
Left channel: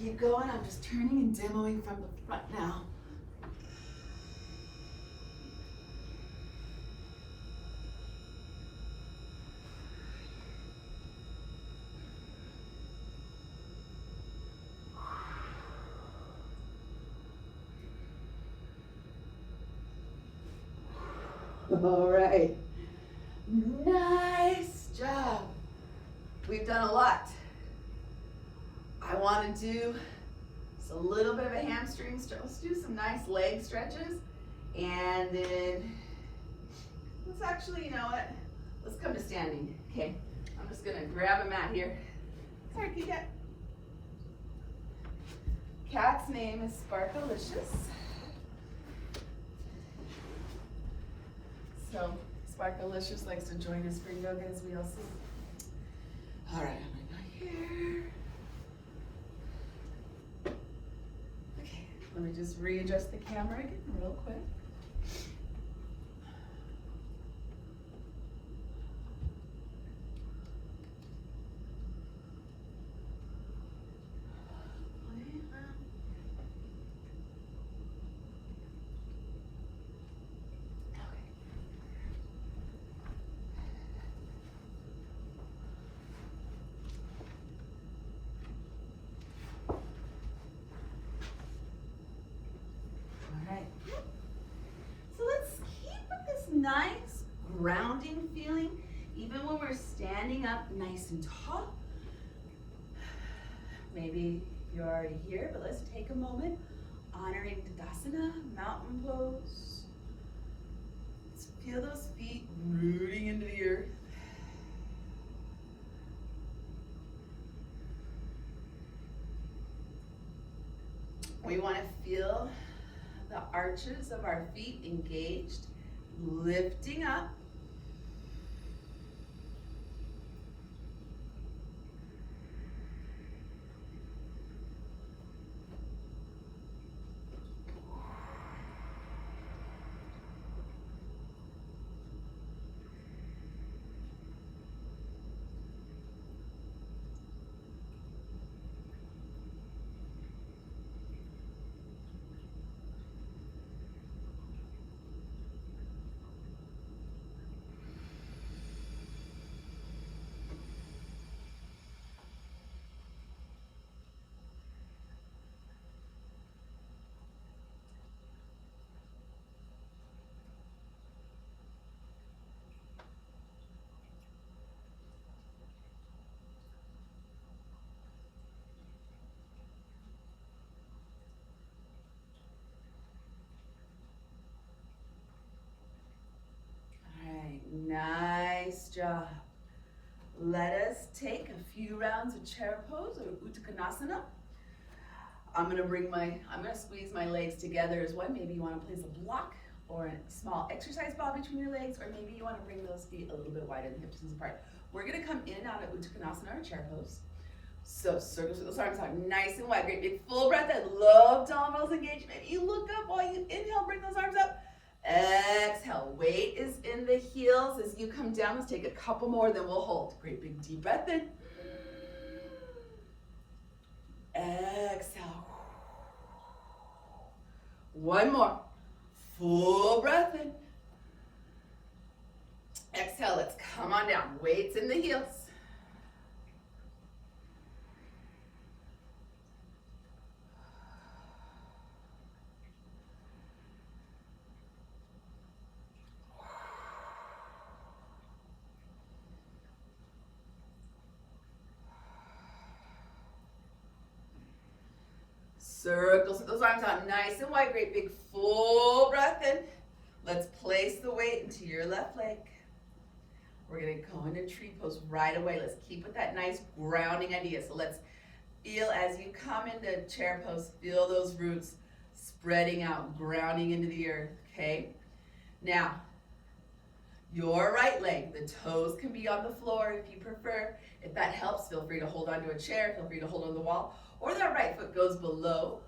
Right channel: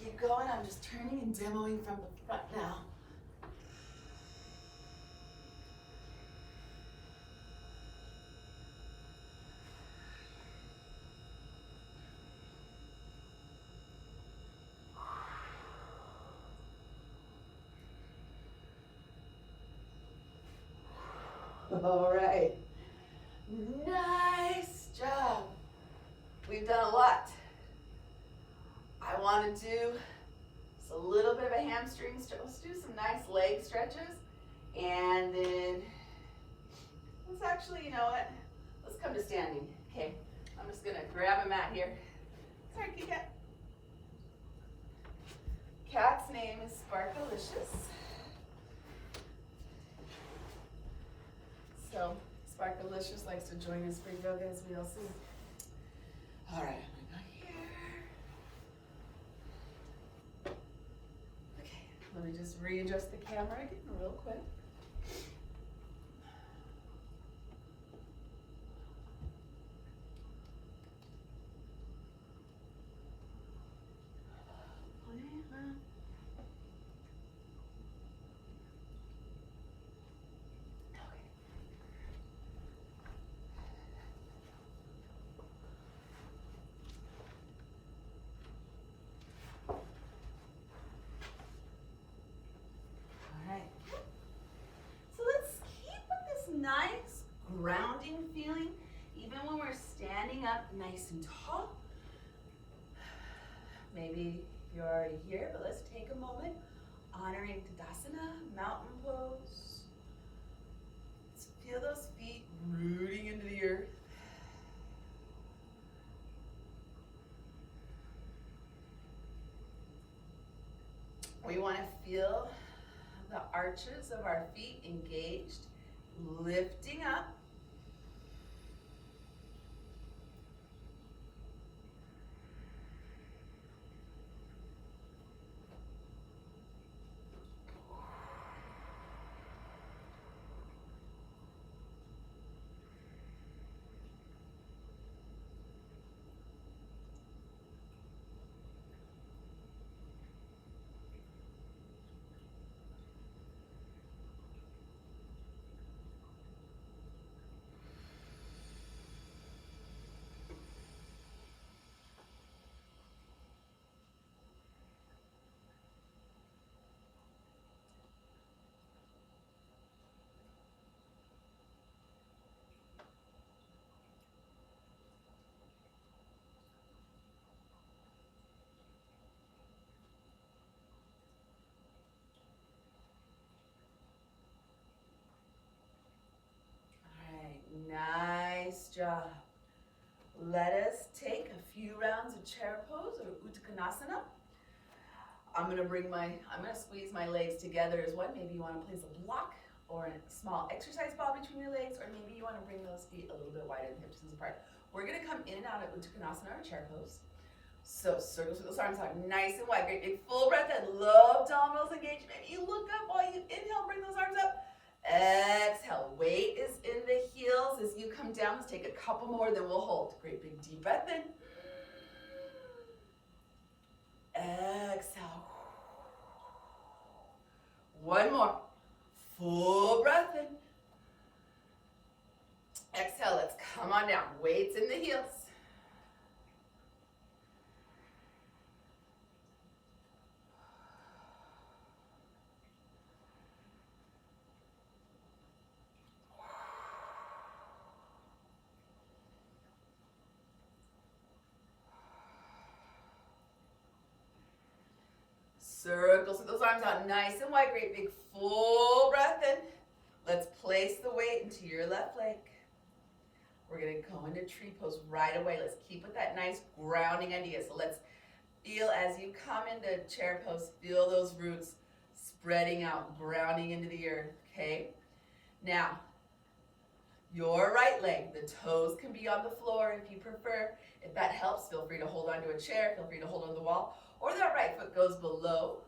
Keep going. I'm just turning and demoing from the front now. All right. Nice job. We've done a lot. I want to do just a little bit of a hamstring stretch. Let's do some nice leg stretches. And then let's actually, you know what? Let's come to standing. Okay. I'm just going to grab a mat here. Sorry, kitty cat. Cat's name is Sparkalicious. So Sparkalicious likes to join us for yoga, as we all see. All right, I'm going to go here. Okay, let me just readjust the camera again real quick. Nice grounding feeling, even when we're standing up nice and tall. Maybe you're already here, but let's take a moment honoring Tadasana, mountain pose. Let's feel those feet rooting into the earth. We want to feel the arches of our feet engaged, lifting up. Nice job. Let us take a few rounds of chair pose or Uttanasana. I'm gonna squeeze my legs together as one. Maybe you want to place a block or a small exercise ball between your legs, or maybe you want to bring those feet a little bit wider than hip distance apart. We're gonna come in and out of Uttanasana or chair pose. So circles with those arms out nice and wide. Great big full breath. I love abdominals engaged. Maybe you look up while you inhale, bring those arms up. Exhale, weight is in the heels as you come down. Let's take a couple more, then we'll hold. Great big deep breath in. Exhale. One more. Full breath in. Exhale, let's come on down. Weights in the heels. Circle those arms out nice and wide. Great big full breath in. Let's place the weight into your left leg. We're going to go into tree pose right away. Let's keep with that nice grounding idea. So let's feel as you come into chair pose, feel those roots spreading out, grounding into the earth, okay? Now, your right leg, the toes can be on the floor if you prefer. If that helps, feel free to hold onto a chair, feel free to hold on the wall, or that right foot goes below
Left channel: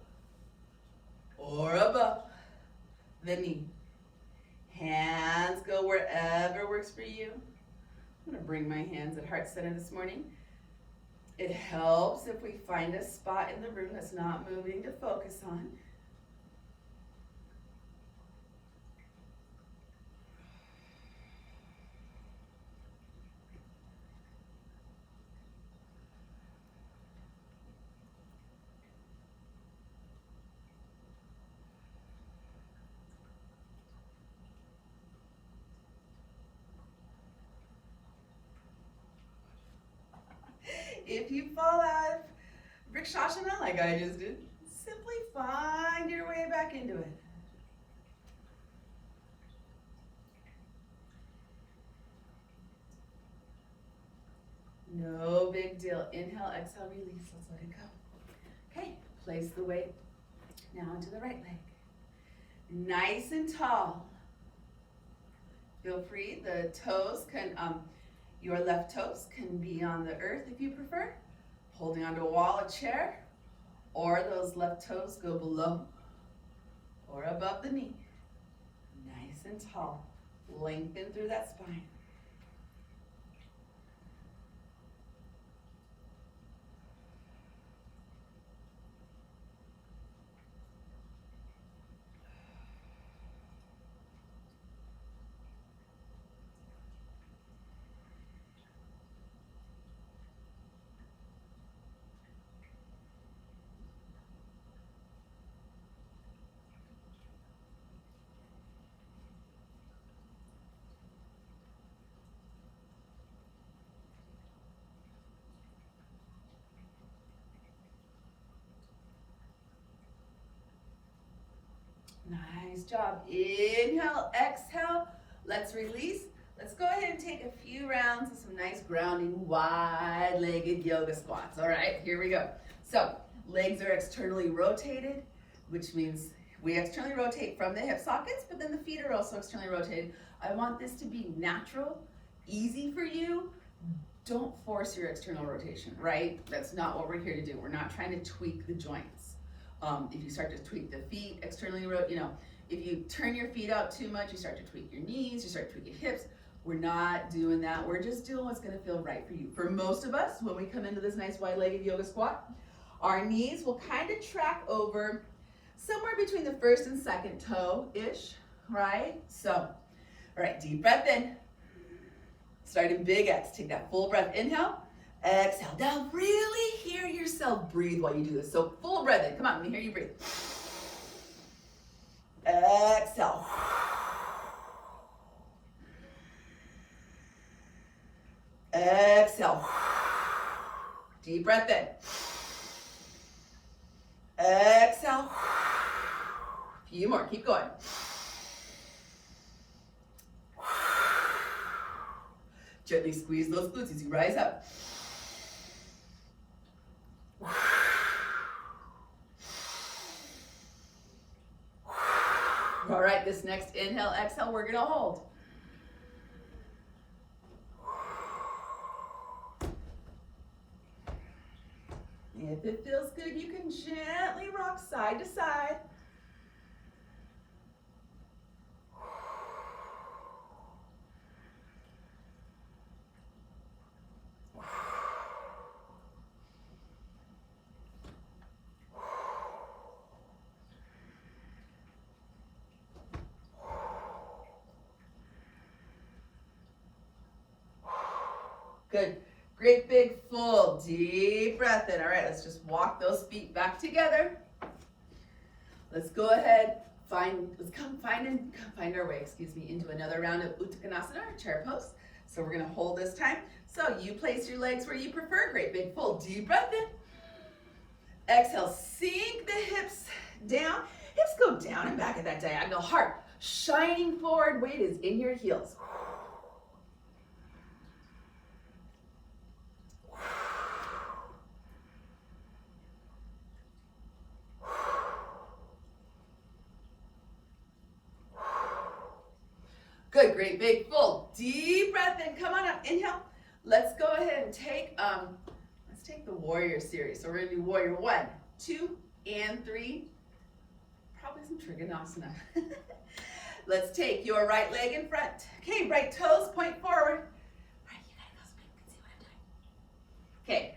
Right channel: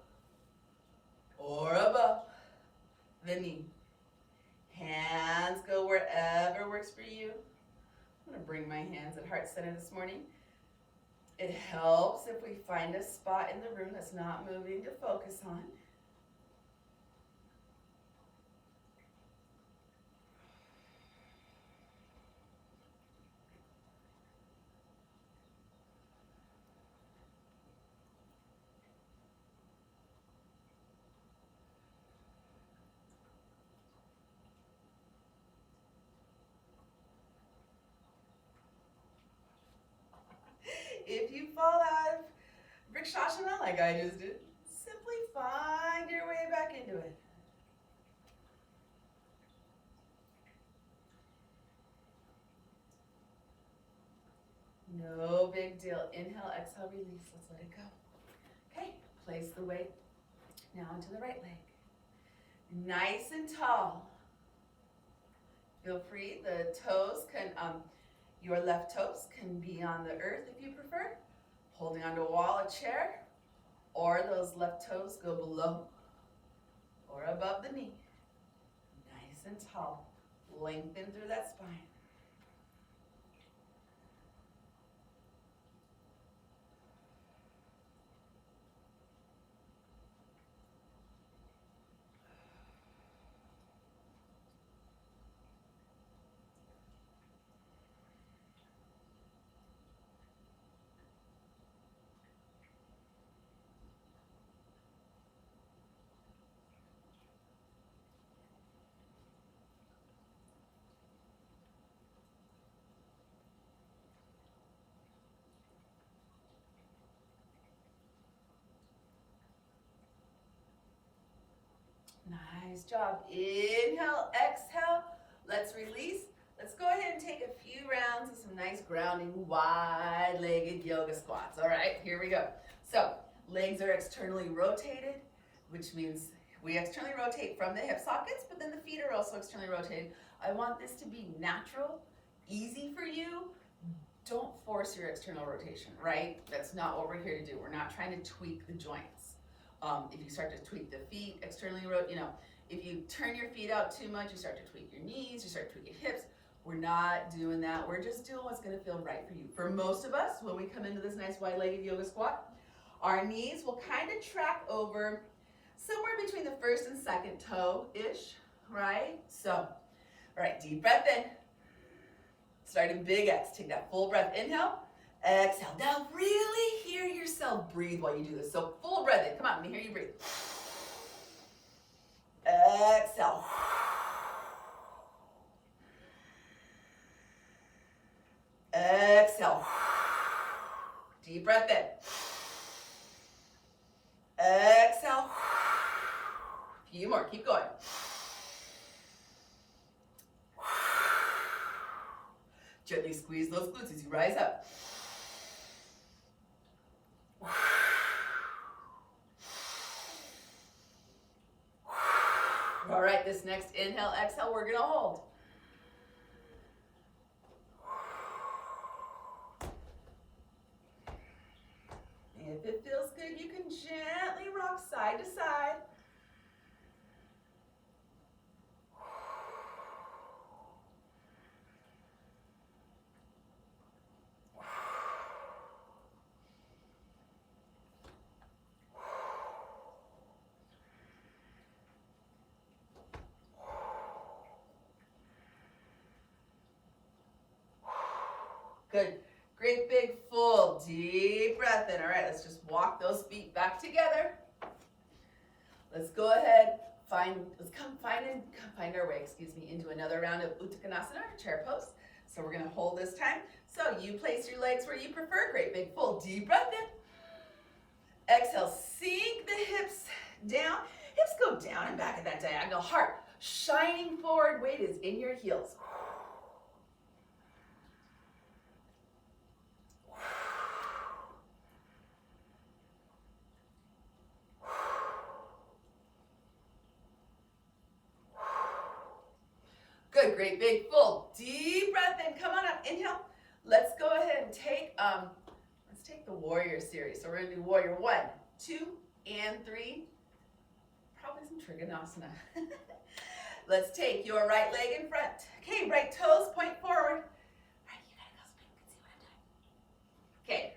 or above the knee. Hands go wherever works for you. I'm going to bring my hands at heart center this morning. It helps if we find a spot in the room that's not moving to focus on. If you fall out of Vrikshasana like I just did, simply find your way back into it. No big deal. Inhale, exhale, release. Let's let it go. Okay, place the weight now into the right leg. Nice and tall. Feel free, the toes can, your left toes can be on the earth if you prefer, holding onto a wall, a chair, or those left toes go below or above the knee. Nice and tall. Lengthen through that spine. Nice job. Inhale, exhale. Let's release. Let's go ahead and take a few rounds of some nice grounding, wide-legged yoga squats. All right, here we go. So legs are externally rotated, which means we externally rotate from the hip sockets, but then the feet are also externally rotated. I want this to be natural, easy for you. Don't force your external rotation, right? That's not what we're here to do. We're not trying to tweak the joints. If you start to tweak the feet externally, if you turn your feet out too much, you start to tweak your knees, you start to tweak your hips. We're not doing that. We're just doing what's going to feel right for you. For most of us, when we come into this nice wide-legged yoga squat, our knees will kind of track over somewhere between the first and second toe-ish, right? So, all right, deep breath in. Starting big X. Take that full breath. Inhale. Exhale. Now really hear yourself breathe while you do this. So full breath in. Come on, let me hear you breathe. Exhale. Exhale. Deep breath in. Exhale. A few more. Keep going. Gently squeeze those glutes as you rise up. All right, this next inhale, exhale, we're gonna hold. If it feels good, you can gently rock side to side. Good. Great big full deep breath in. All right, let's just walk those feet back together. Let's go ahead, find our way, into another round of Uttanasana, or chair pose. So we're gonna hold this time. So you place your legs where you prefer. Great big full deep breath in. Exhale, sink the hips down. Hips go down and back at that diagonal. Heart shining forward. Weight is in your heels. Good, great, big, full, deep breath in. Come on up, inhale. Let's go ahead and take, let's take the warrior series. So we're gonna do warrior 1, 2, and 3. Probably some trigonasana. Let's take your right leg in front. Okay, right toes point forward. All right, you gotta go so people can see what I'm doing. Okay,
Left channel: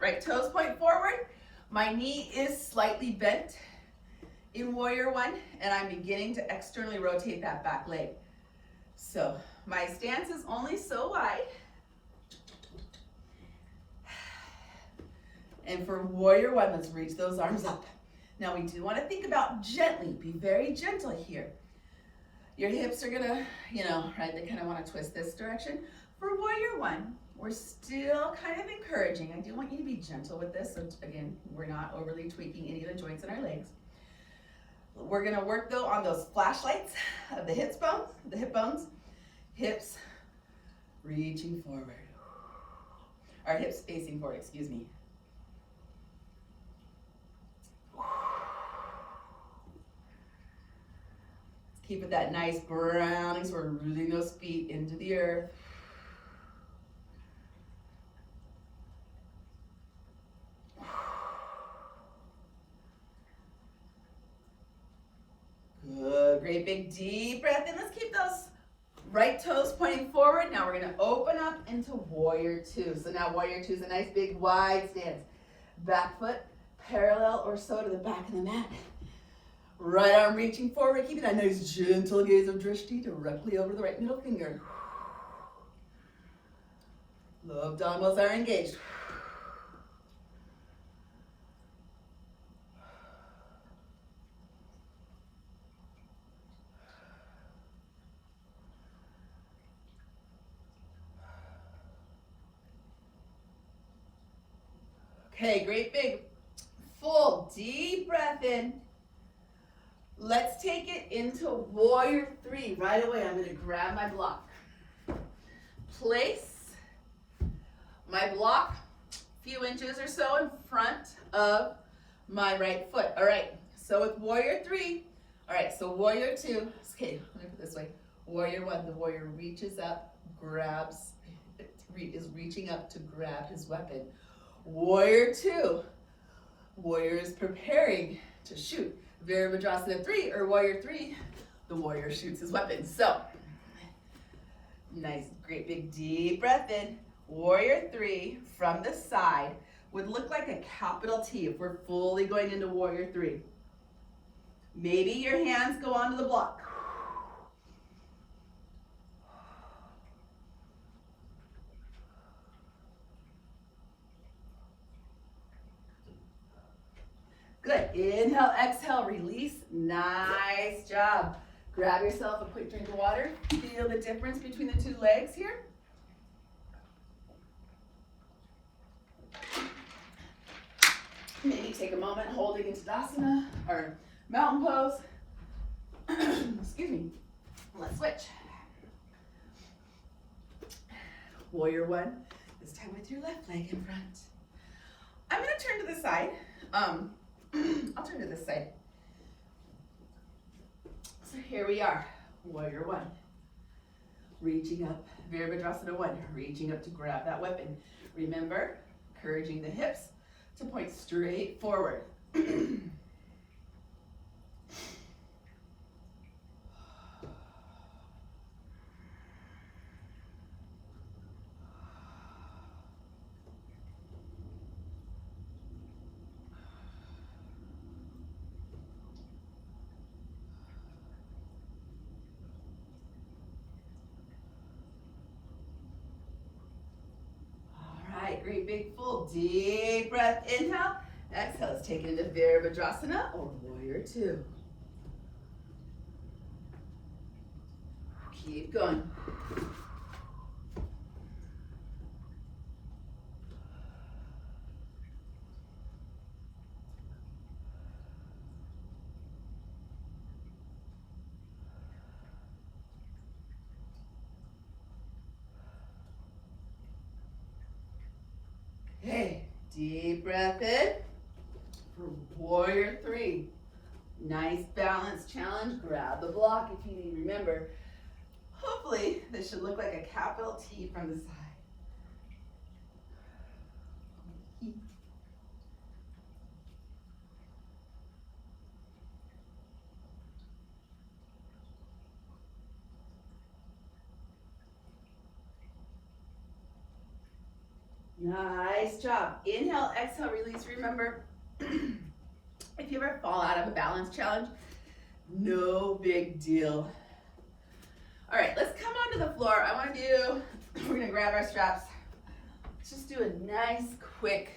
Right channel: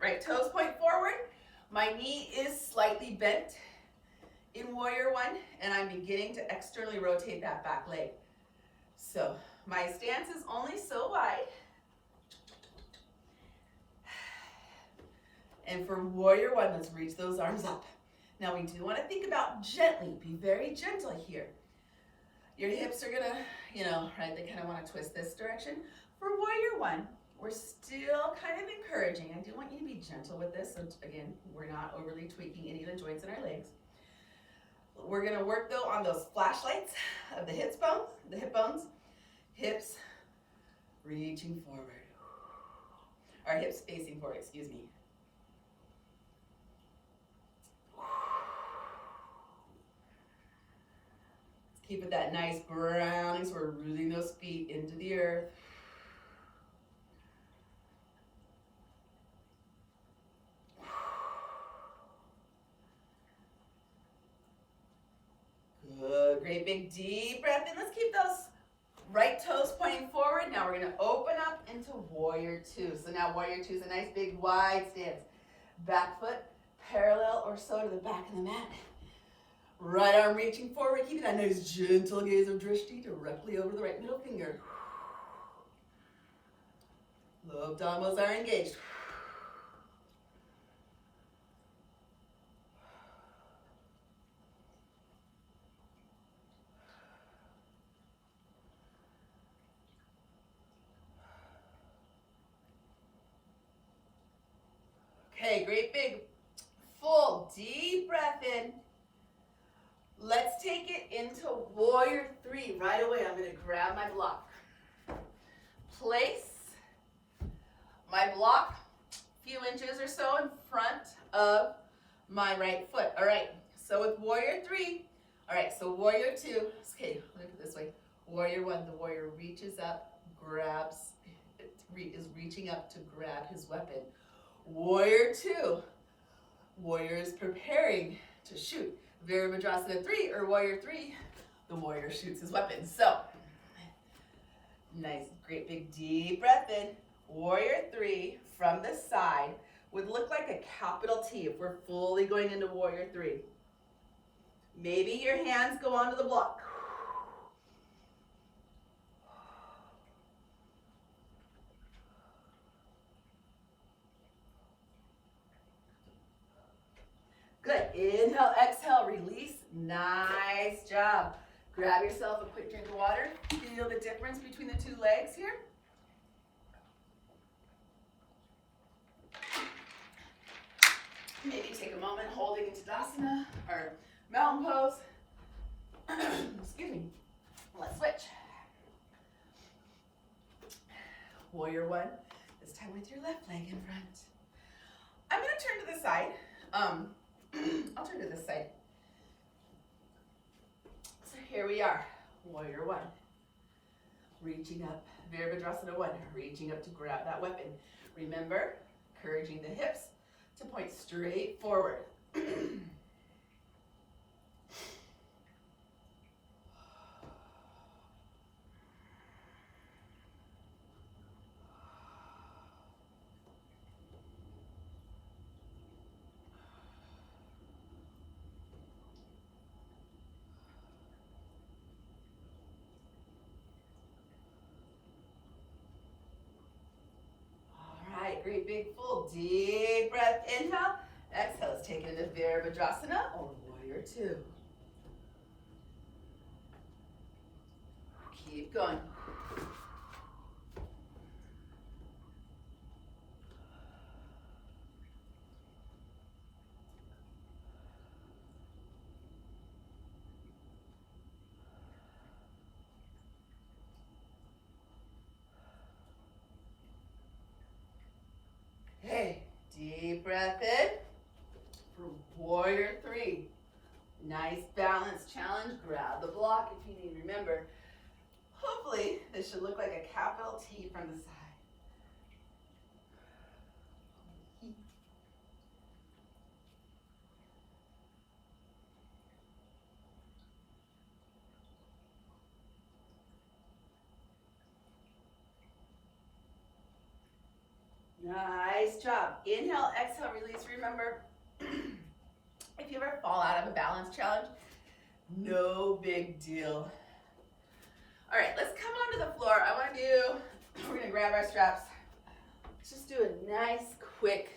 right toes point forward. My knee is slightly bent in warrior 1, and I'm beginning to externally rotate that back leg. So my stance is only so wide. And for warrior 1, let's reach those arms up. Now we do want to think about gently, be very gentle here. Your hips are gonna, right, they kind of want to twist this direction. For warrior 1, we're still kind of encouraging. I do want you to be gentle with this. So again, we're not overly tweaking any of the joints in our legs. We're gonna work though on those flashlights of the hip bones. Hips reaching forward. Our hips facing forward, excuse me. Keep it that nice grounding, so we're rooting those feet into the earth. Good, great big deep breath in. Let's keep those right toes pointing forward. Now we're gonna open up into warrior 2. So now warrior 2 is a nice big wide stance. Back foot parallel or so to the back of the mat. Right arm reaching forward, keeping that nice gentle gaze of drishti directly over the right middle finger. Low abdominals are engaged. Okay, great big, full, deep breath in. Let's take it into warrior 3. Right away, I'm gonna grab my block. Place my block a few inches or so in front of my right foot. All right, so with warrior 3, all right, so warrior 2, okay, let me put it this way. Warrior 1, the warrior reaches up, grabs, is reaching up to grab his weapon. Warrior 2, warrior is preparing to shoot. Virabhadrasana 3 or warrior 3, the warrior shoots his weapon. So, nice, great big deep breath in. Warrior 3 from the side would look like a capital T if we're fully going into warrior 3. Maybe your hands go onto the block. Good. Inhale, exhale, release. Nice job. Grab yourself a quick drink of water. Feel the difference between the 2 legs here. Maybe take a moment holding in Tadasana or mountain pose. Excuse me. Let's switch. Warrior 1. This time with your left leg in front. I'm going to turn to the side. I'll turn to this side. So here we are, warrior 1. Reaching up, Virabhadrasana 1, reaching up to grab that weapon. Remember, encouraging the hips to point straight forward. Great big full deep breath. Inhale. Exhale. Let's take it into Virabhadrasana or warrior 2. Keep going. breath in for warrior three. Nice balance challenge. Grab the block if you need. Remember, hopefully this should look like a capital T from the side. Nice job. Inhale, exhale, release. Remember, if you ever fall out of a balance challenge, no big deal. All right, let's come onto the floor. We're gonna grab our straps. Let's just do a nice, quick,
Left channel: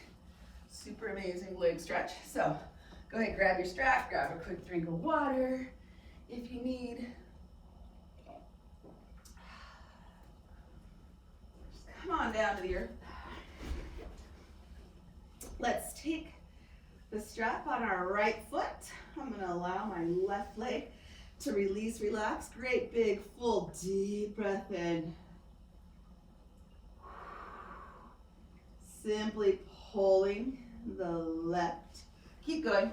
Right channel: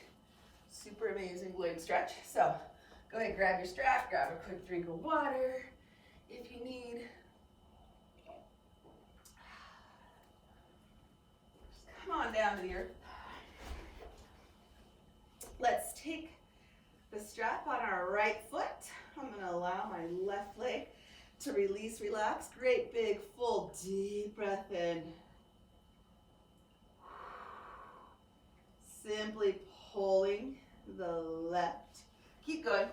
super amazing leg stretch. So go ahead, grab your strap, grab a quick drink of water if you need. Just come on down to the earth. Let's take the strap on our right foot. I'm gonna allow my left leg to release, relax. Great big, full, deep breath in. Simply pulling the left. Keep going.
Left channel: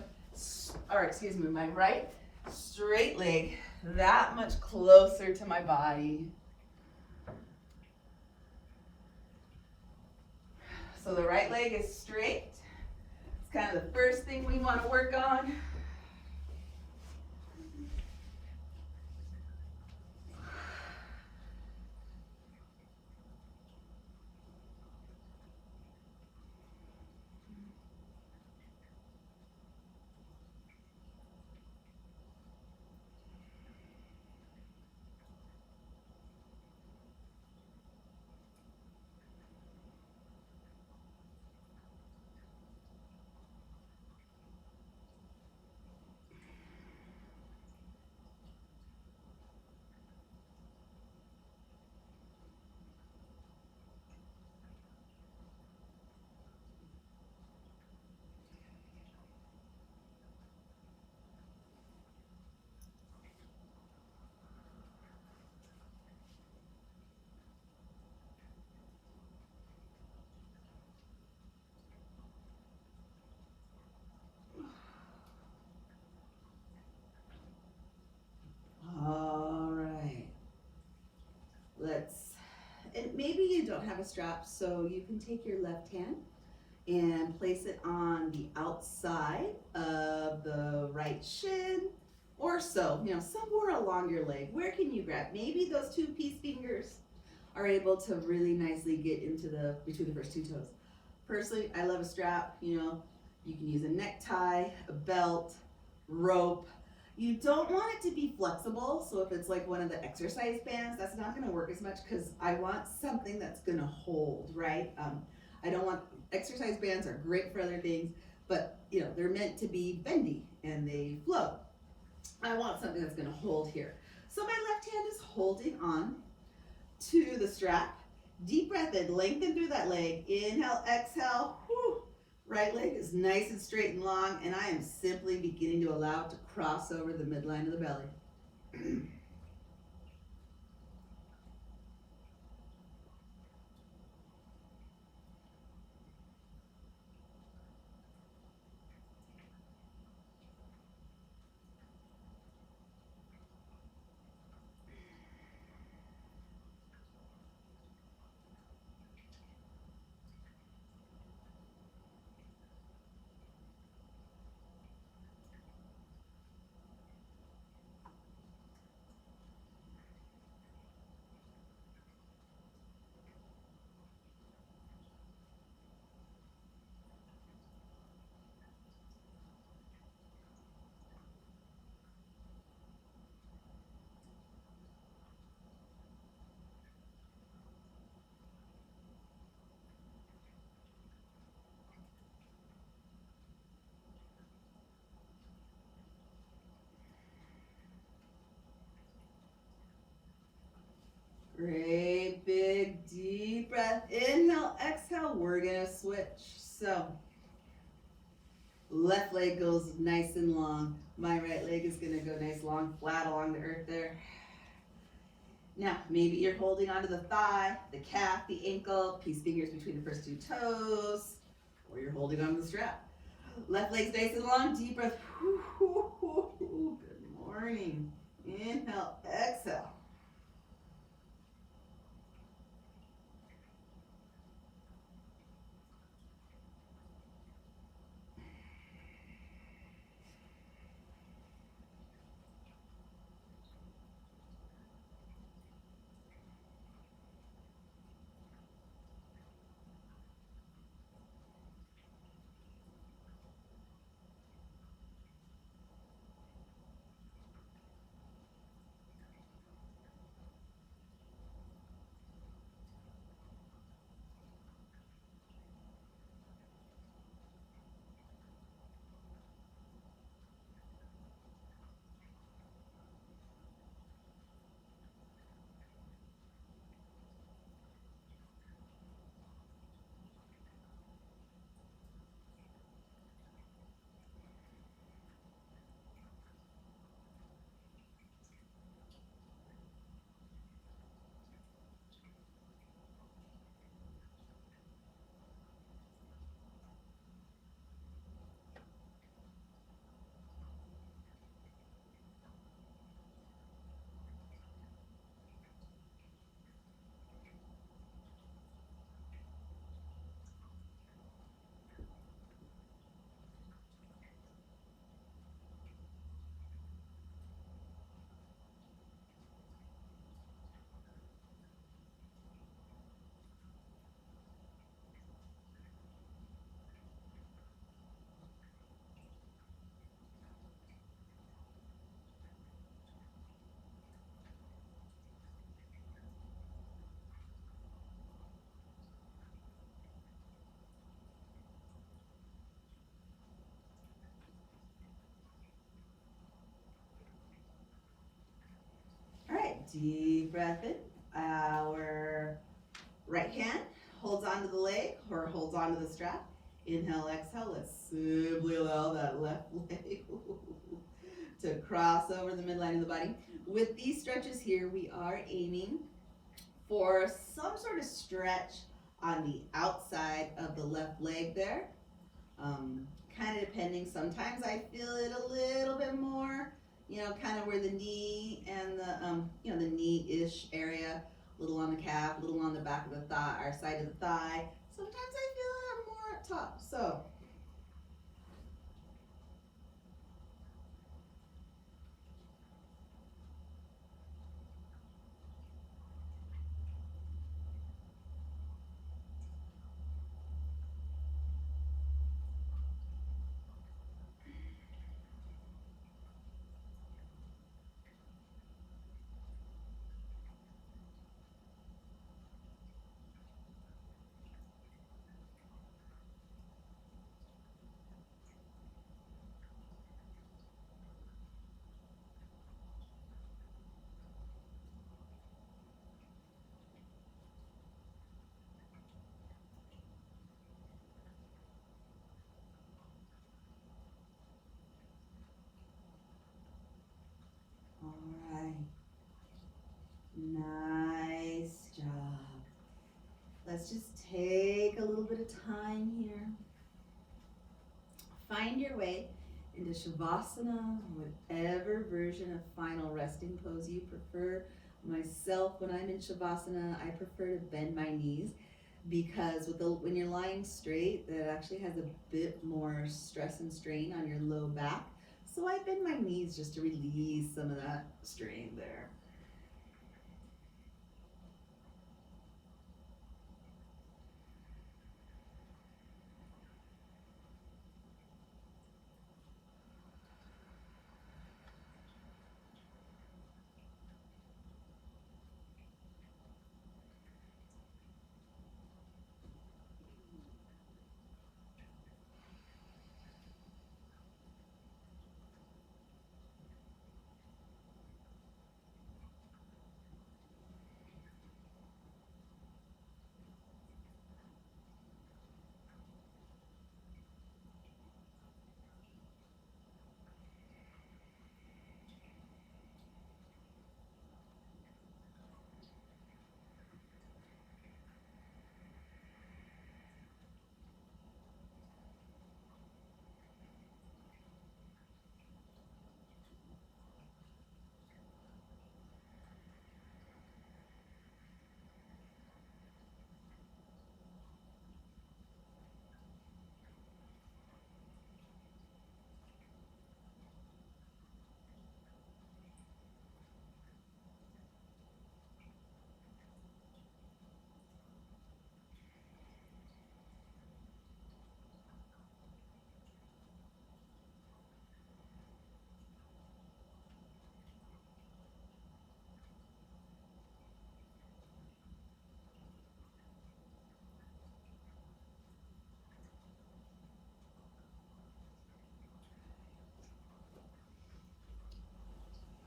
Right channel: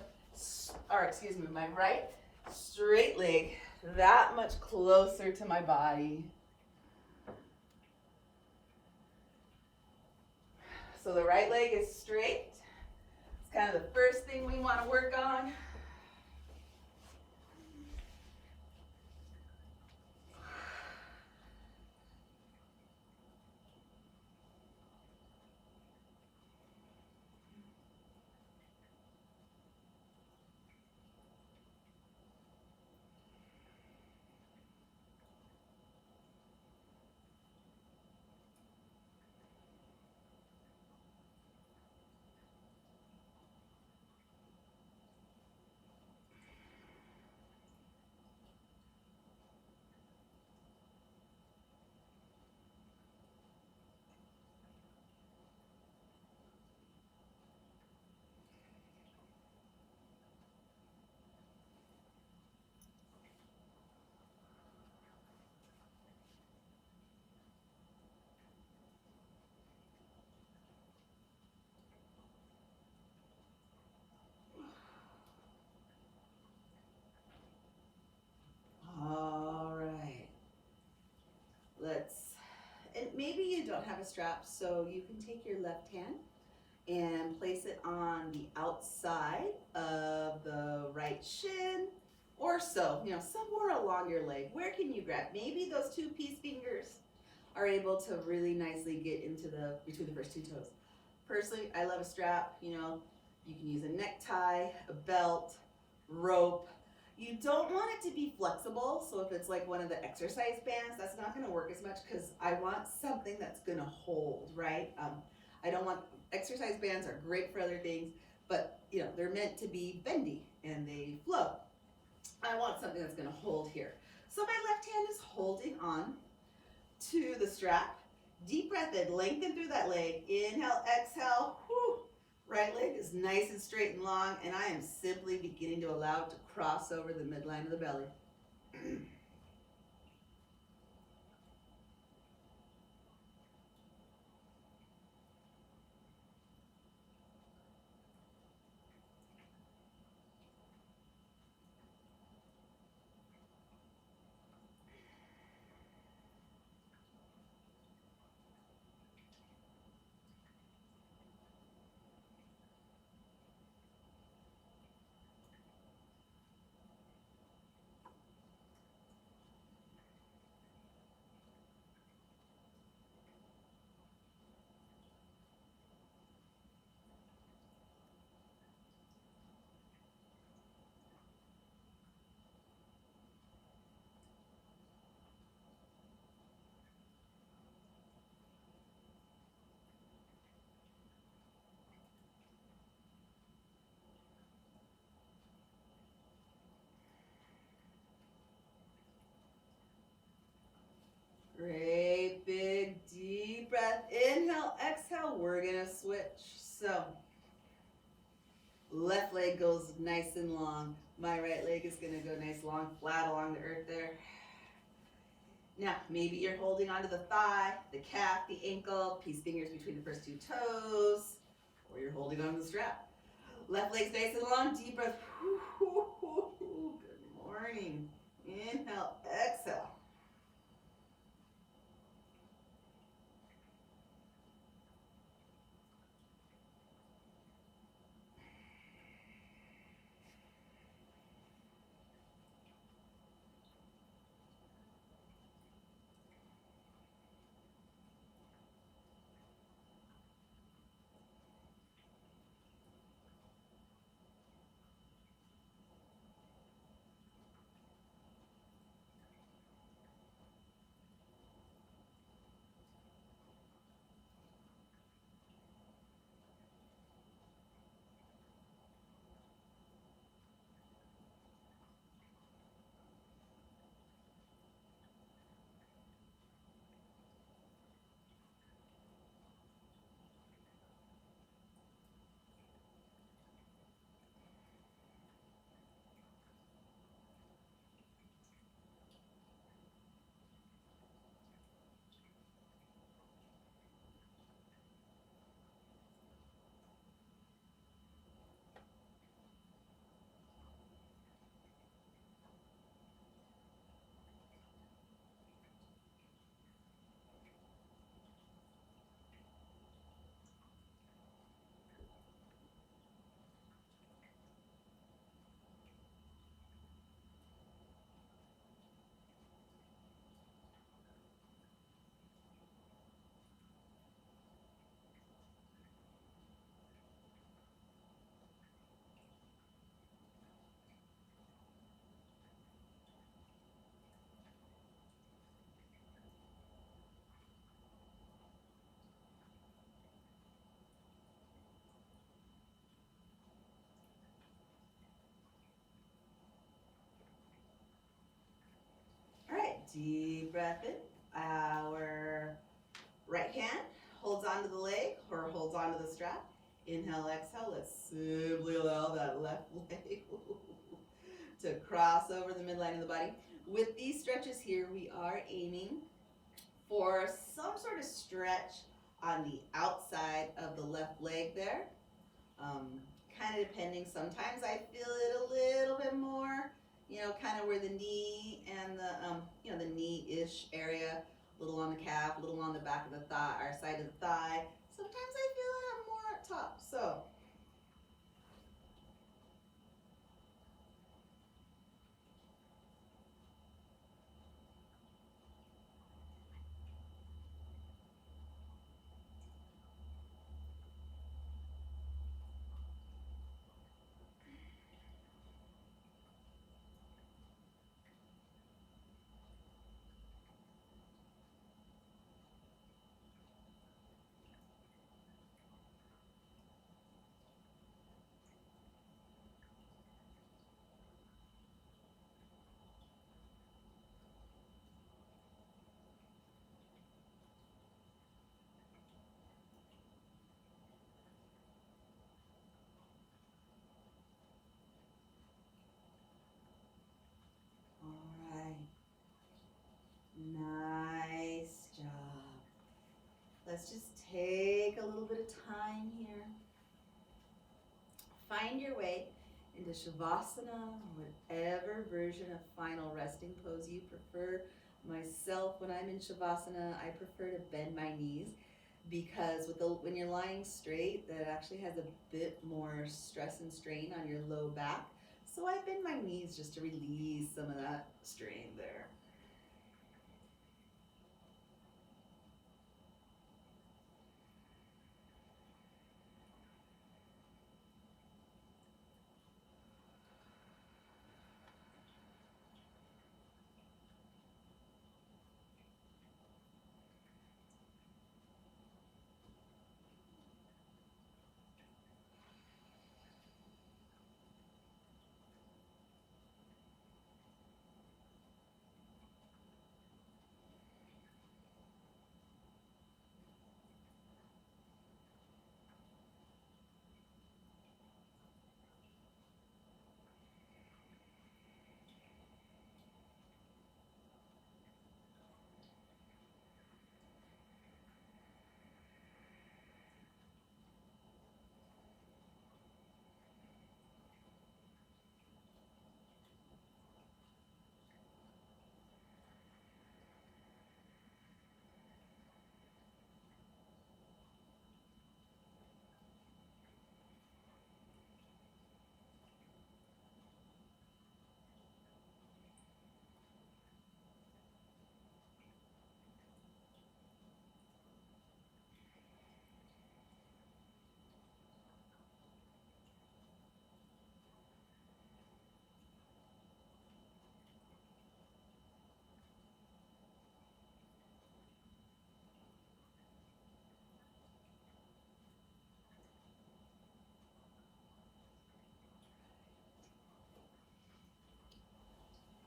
My right straight leg that much closer to my body. So the right leg is straight. It's kind of the first thing we want to work on. All right. And maybe you don't have a strap, so you can take your left hand and place it on the outside of the right shin or so, somewhere along your leg. Where can you grab? Maybe those two peace fingers are able to really nicely get into between the first two toes. Personally, I love a strap. You can use a necktie, a belt, rope. You don't want it to be flexible, so if it's like one of the exercise bands, that's not gonna work as much because I want something that's gonna hold, right? I don't want, exercise bands are great for other things, but they're meant to be bendy and they flow. I want something that's gonna hold here. So my left hand is holding on to the strap. Deep breath in, lengthen through that leg. Inhale, exhale, whew. Right leg is nice and straight and long, and I am simply beginning to allow it to cross over the midline of the belly. Great big deep breath. Inhale, exhale. We're gonna switch. So left leg goes nice and long. My right leg is gonna go nice, long, flat along the earth there. Now, maybe you're holding onto the thigh, the calf, the ankle, peace fingers between the first two toes. or you're holding on to the strap. Left leg's nice and long, deep breath. Good morning. Inhale, exhale. All right, deep breath in. Our right hand holds onto the leg or holds onto the strap. Inhale, exhale. Let's simply allow that left leg to cross over the midline of the body. With these stretches here, we are aiming for some sort of stretch on the outside of the left leg there. Kind of depending. Sometimes I feel it a little bit more, kind of where the knee and the, the knee-ish area, a little on the calf, a little on the back of the thigh, or side of the thigh. Sometimes I feel it more up top. So, all right. Nice job. Let's just take a little bit of time here. Find your way into Shavasana, or whatever version of final resting pose you prefer. Myself, when I'm in Shavasana, I prefer to bend my knees because when you're lying straight, that actually has a bit more stress and strain on your low back. So I bend my knees just to release some of that strain there.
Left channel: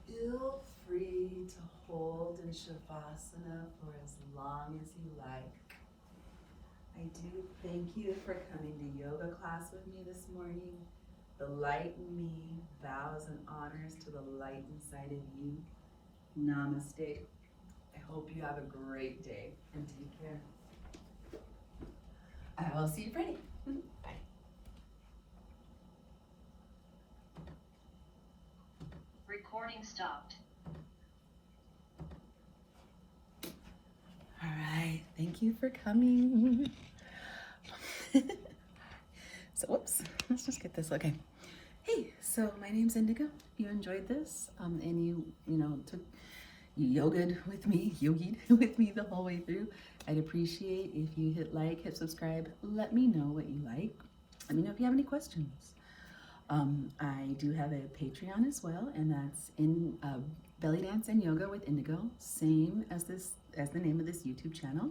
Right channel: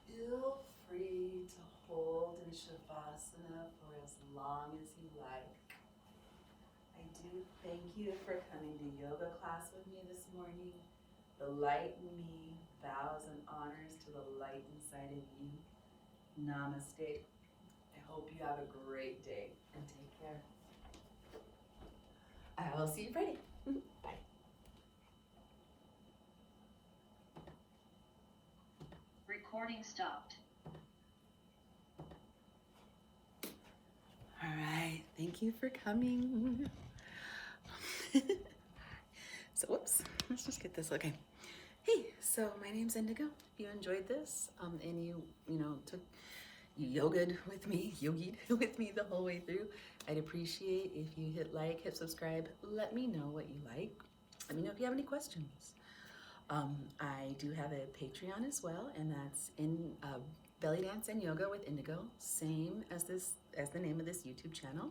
Feel free to hold in Shavasana for as long as you like. I do thank you for coming to yoga class with me this morning. The light in me bows and honors to the light inside of you. Namaste. I hope you have a great day and take care. I will see you Friday. Bye. Recording stopped. All right, thank you for coming. So, whoops, let's just get this, okay. Hey, so my name's Indigo. If you enjoyed this and you yogied with me the whole way through, I'd appreciate if you hit like, hit subscribe, let me know what you like. Let me know if you have any questions. I do have a Patreon as well, and that's in Belly Dance and Yoga with Indigo, same as the name of this YouTube channel.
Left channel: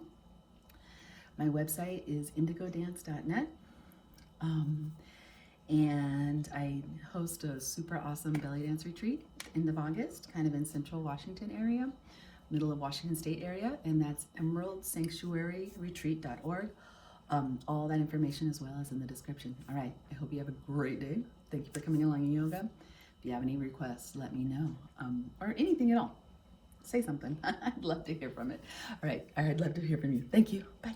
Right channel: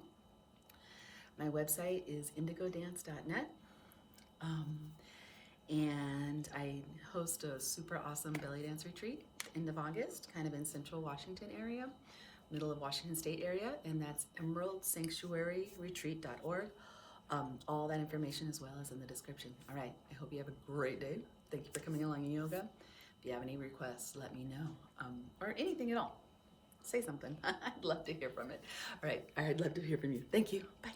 My website is indigodance.net. And I host a super awesome belly dance retreat end of August, kind of in central Washington area, middle of Washington State area, and that's emeraldsanctuaryretreat.org. All that information as well is in the description. All right, I hope you have a great day. Thank you for coming along in yoga. If you have any requests, let me know, or anything at all. Say something. I'd love to hear from it. All right, I'd love to hear from you. Thank you. Bye.